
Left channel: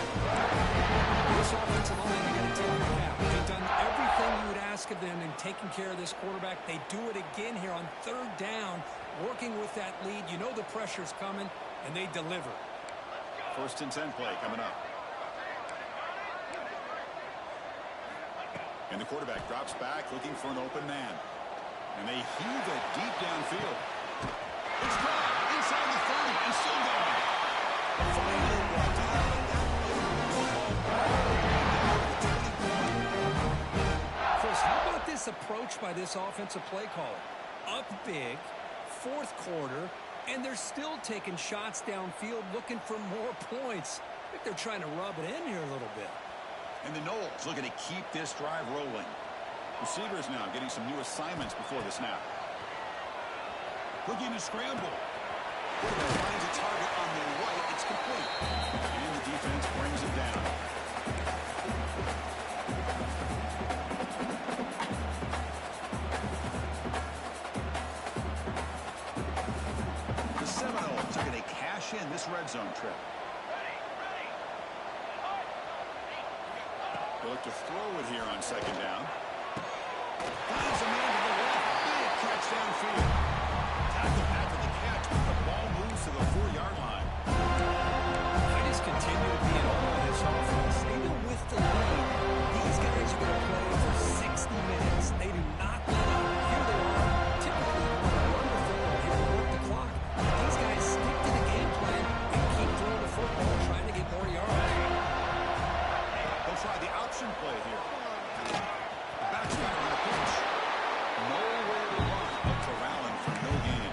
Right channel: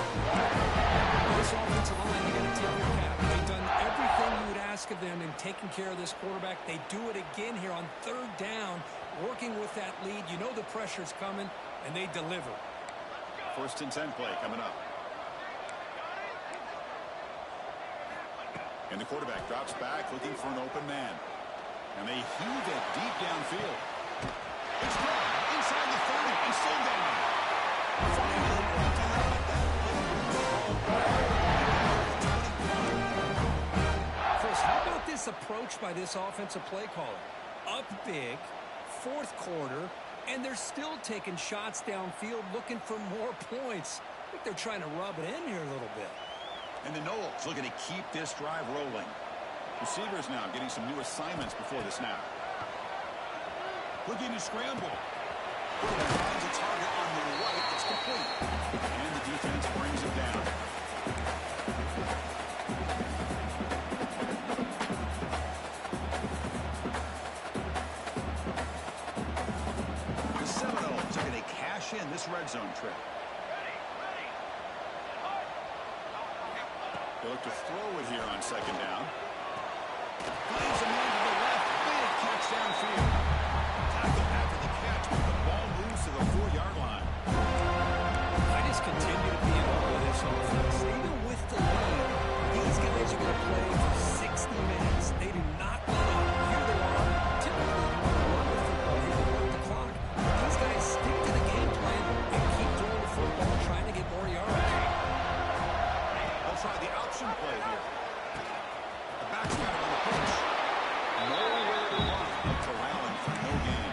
This offensive line, you got to tip your cap. They've done everything you would ask of them in taking care of this quarterback. They do it again here on third down, working with that lead. You know the pressure's coming, and they deliver. First and 10 play coming up. And the quarterback drops back, looking for an open man. And they heave it deep downfield. It's gone inside the 30 and still going. Finally brought down, but that play moves the ball back to the 21. Chris, how about this approach by this offensive play caller? Up big, fourth quarter, and they're still taking shots downfield looking for more points. I think they're trying to rub it in here a little bit. And the Noles looking to keep this drive rolling. Receivers now getting some new assignments before the snap. Looking to scramble. Quarterback finds a target on the right. It's complete. And the defense brings it down. The Seminoles are going to cash in this red zone trip. They look to throw it here on second down. Finds a man to the left. Big catch downfield. Tackle after the catch, but the ball moves to the 4-yard line. I just continue to be in awe of this offense. Even with the lead, these guys are going to play for 60 minutes. They do not let up. Here they are. Typically, you want to run the football here to work the clock. But these guys stick to the game plan and keep throwing the football, trying to get more yards. They'll try the option play here. The back's got it on the pitch. Nowhere to run. Up to Rowland for no gain.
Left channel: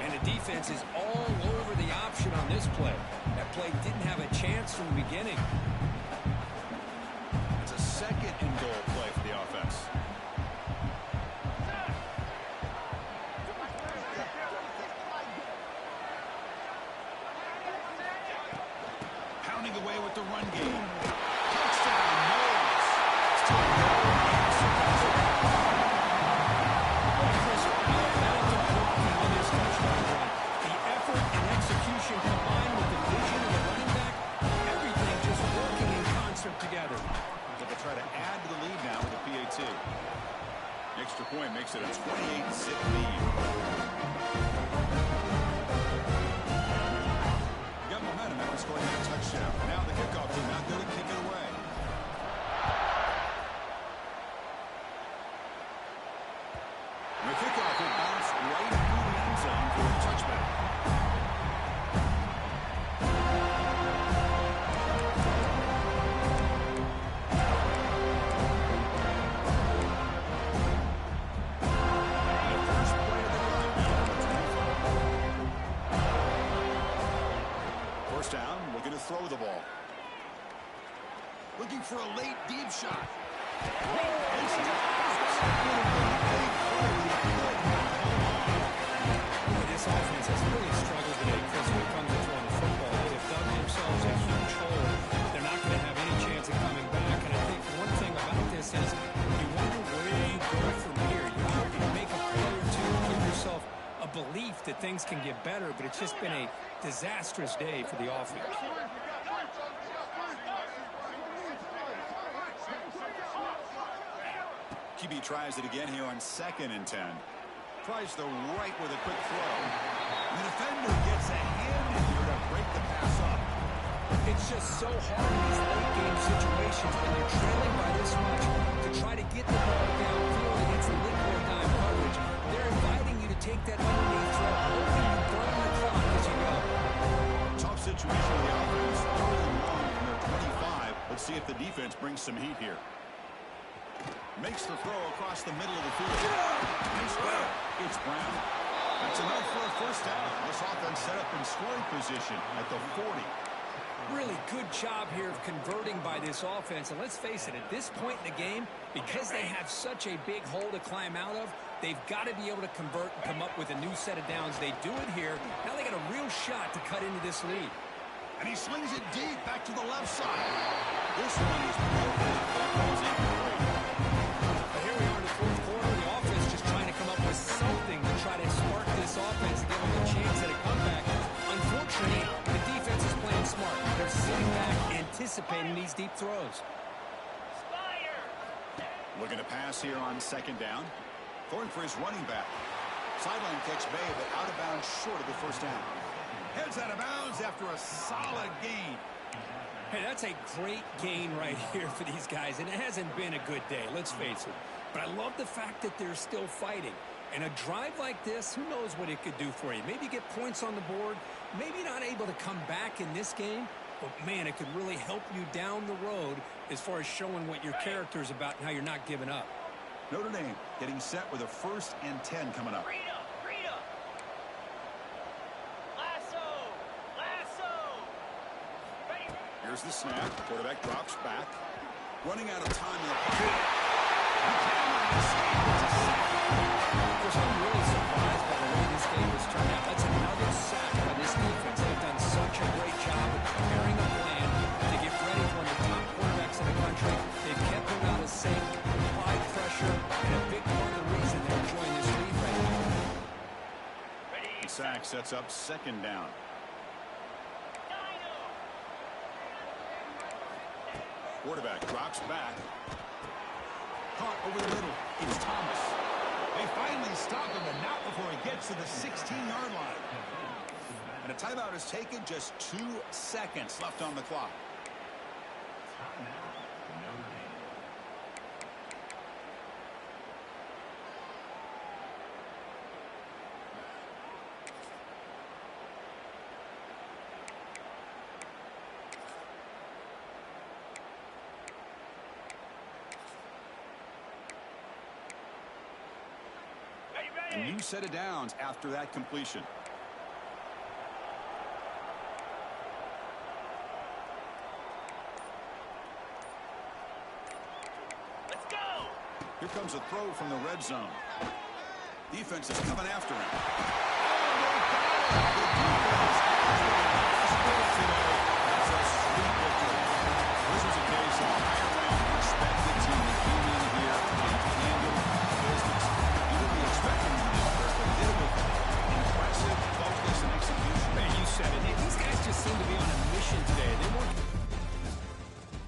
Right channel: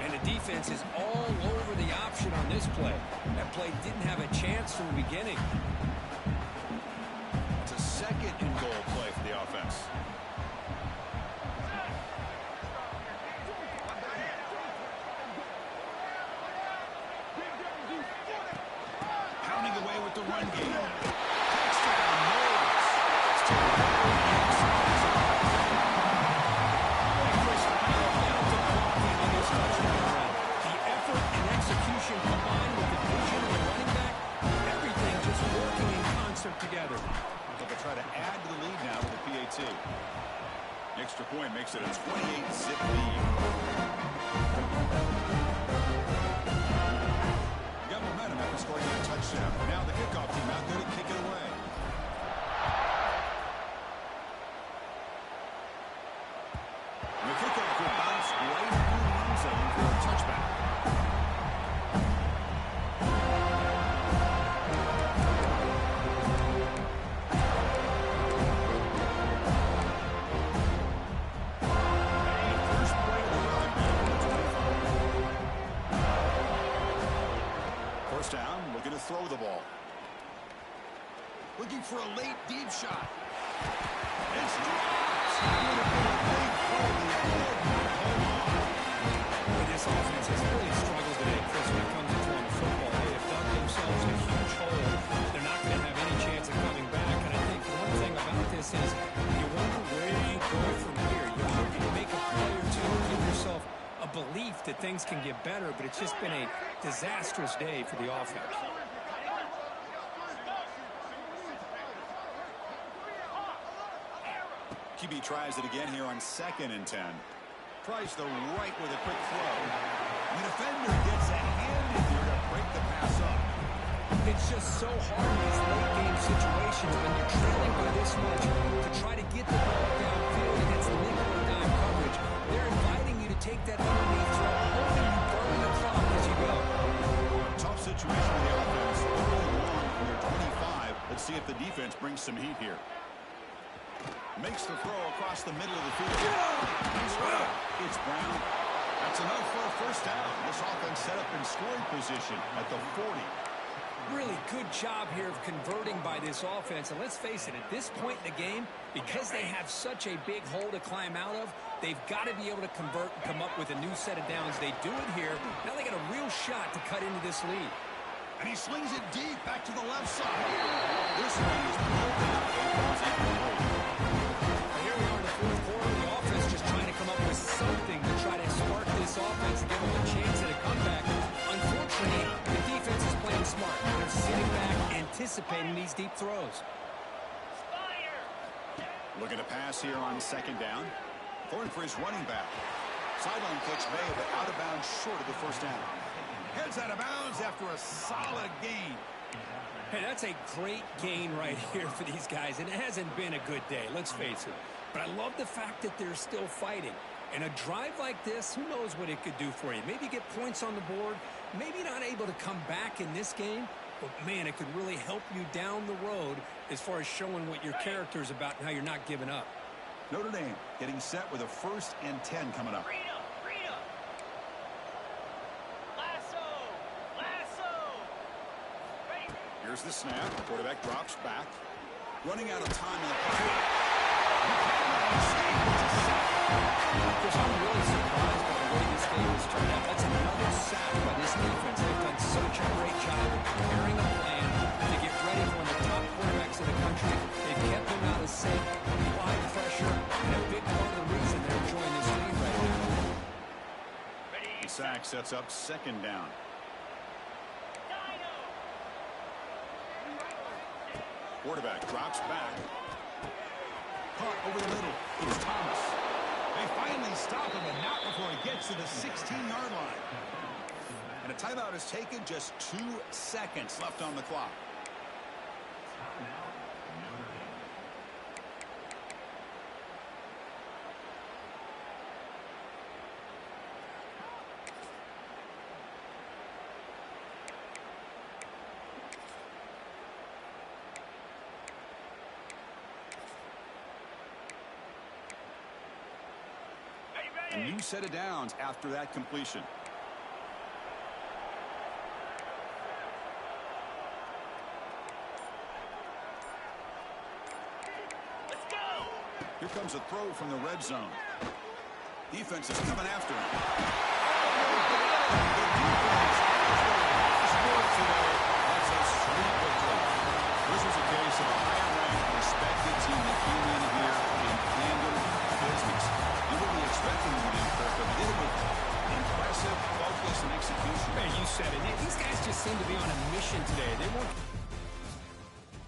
And the defense is all over the option on this play. That play didn't have a chance from the beginning. It's a second and goal play for the offense. Pounding away away with the run game. Touchdown, Knowles. Still no answer. Boy, Chris, how about the blocking on this touchdown run? The effort and execution combined with the vision of the running back, everything just working in concert together. But they'll try to add to the lead now with the PAT. Extra point makes it a 28-zip lead. Got momentum after scoring that touchdown. Now the kickoff team out there to kick it away. The kickoff will bounce right through the end zone for a touchback. And the first play of the run now on the 25. First down, looking to throw the ball. Looking for a late deep shot. It's dropped. Would have been a big play, but he could not hold on. Boy, this offense has really struggled today, Chris, when it comes to throwing the football. They have dug themselves a huge hole. They're not going to have any chance of coming back. And I think one thing about this is you wonder where you go from here. You're hoping to make a play or two, give yourself a belief that things can get better, but it's just been a disastrous day for the offense. QB tries it again here on 2nd and 10. Tries the right with a quick throw. The defender gets a hand in here to break the pass up. It's just so hard in these late game situations when you're trailing by this much to try to get the ball downfield against nickel or dime coverage. They're inviting you to take that underneath throw, hoping you burn the clock as you go. Tough situation for the offense. Early long from their 25. Let's see if the defense brings some heat here. Makes the throw across the middle of the field. Nice grab. It's Brown. That's enough for a first down. This offense set up in scoring position at the 40. Really good job here of converting by this offense. And let's face it, at this point in the game, because they have such a big hole to climb out of, they've got to be able to convert and come up with a new set of downs. They do it here. Now they got a real shot to cut into this lead. And he slings it deep back to the left side. This one is broken up and falls incomplete. Here we are in the fourth quarter. The offense just trying to come up with something to try to spark this offense and give them a chance at a comeback. Unfortunately, the defense is playing smart. They're sitting back, anticipating these deep throws. Looking to pass here on 2nd down. Throwing for his running back. Sideline catch may, but out of bounds short of the first down. Heads out of bounds after a solid gain. Hey, that's a great gain right here for these guys, and it hasn't been a good day, let's face it. But I love the fact that they're still fighting. And a drive like this, who knows what it could do for you. Maybe get points on the board, maybe not able to come back in this game, but man, it could really help you down the road as far as showing what your character is about and how you're not giving up. Notre Dame getting set with a 1st and 10 coming up. Here's the snap. Quarterback drops back. Running out of time in the pocket. You cannot escape. It's a sack. Chris, I'm really surprised by the way this game has turned out. That's another sack by this defense. They've done such a great job of preparing a plan to get ready for one of the top quarterbacks in the country. They've kept him out of sync, applied pressure, and a big part of the reason they're enjoying this lead right now. The sack sets up 2nd down. Quarterback drops back. Caught over the middle. It's Thomas. They finally stop him, but not before he gets to the 16-yard line. And a timeout is taken. Just 2 seconds left on the clock. A new set of downs after that completion. Let's go! Here comes a throw from the red zone. Defense is coming after him. Oh, they got him! The defense has their last word today. That's a sweet victory. They weren't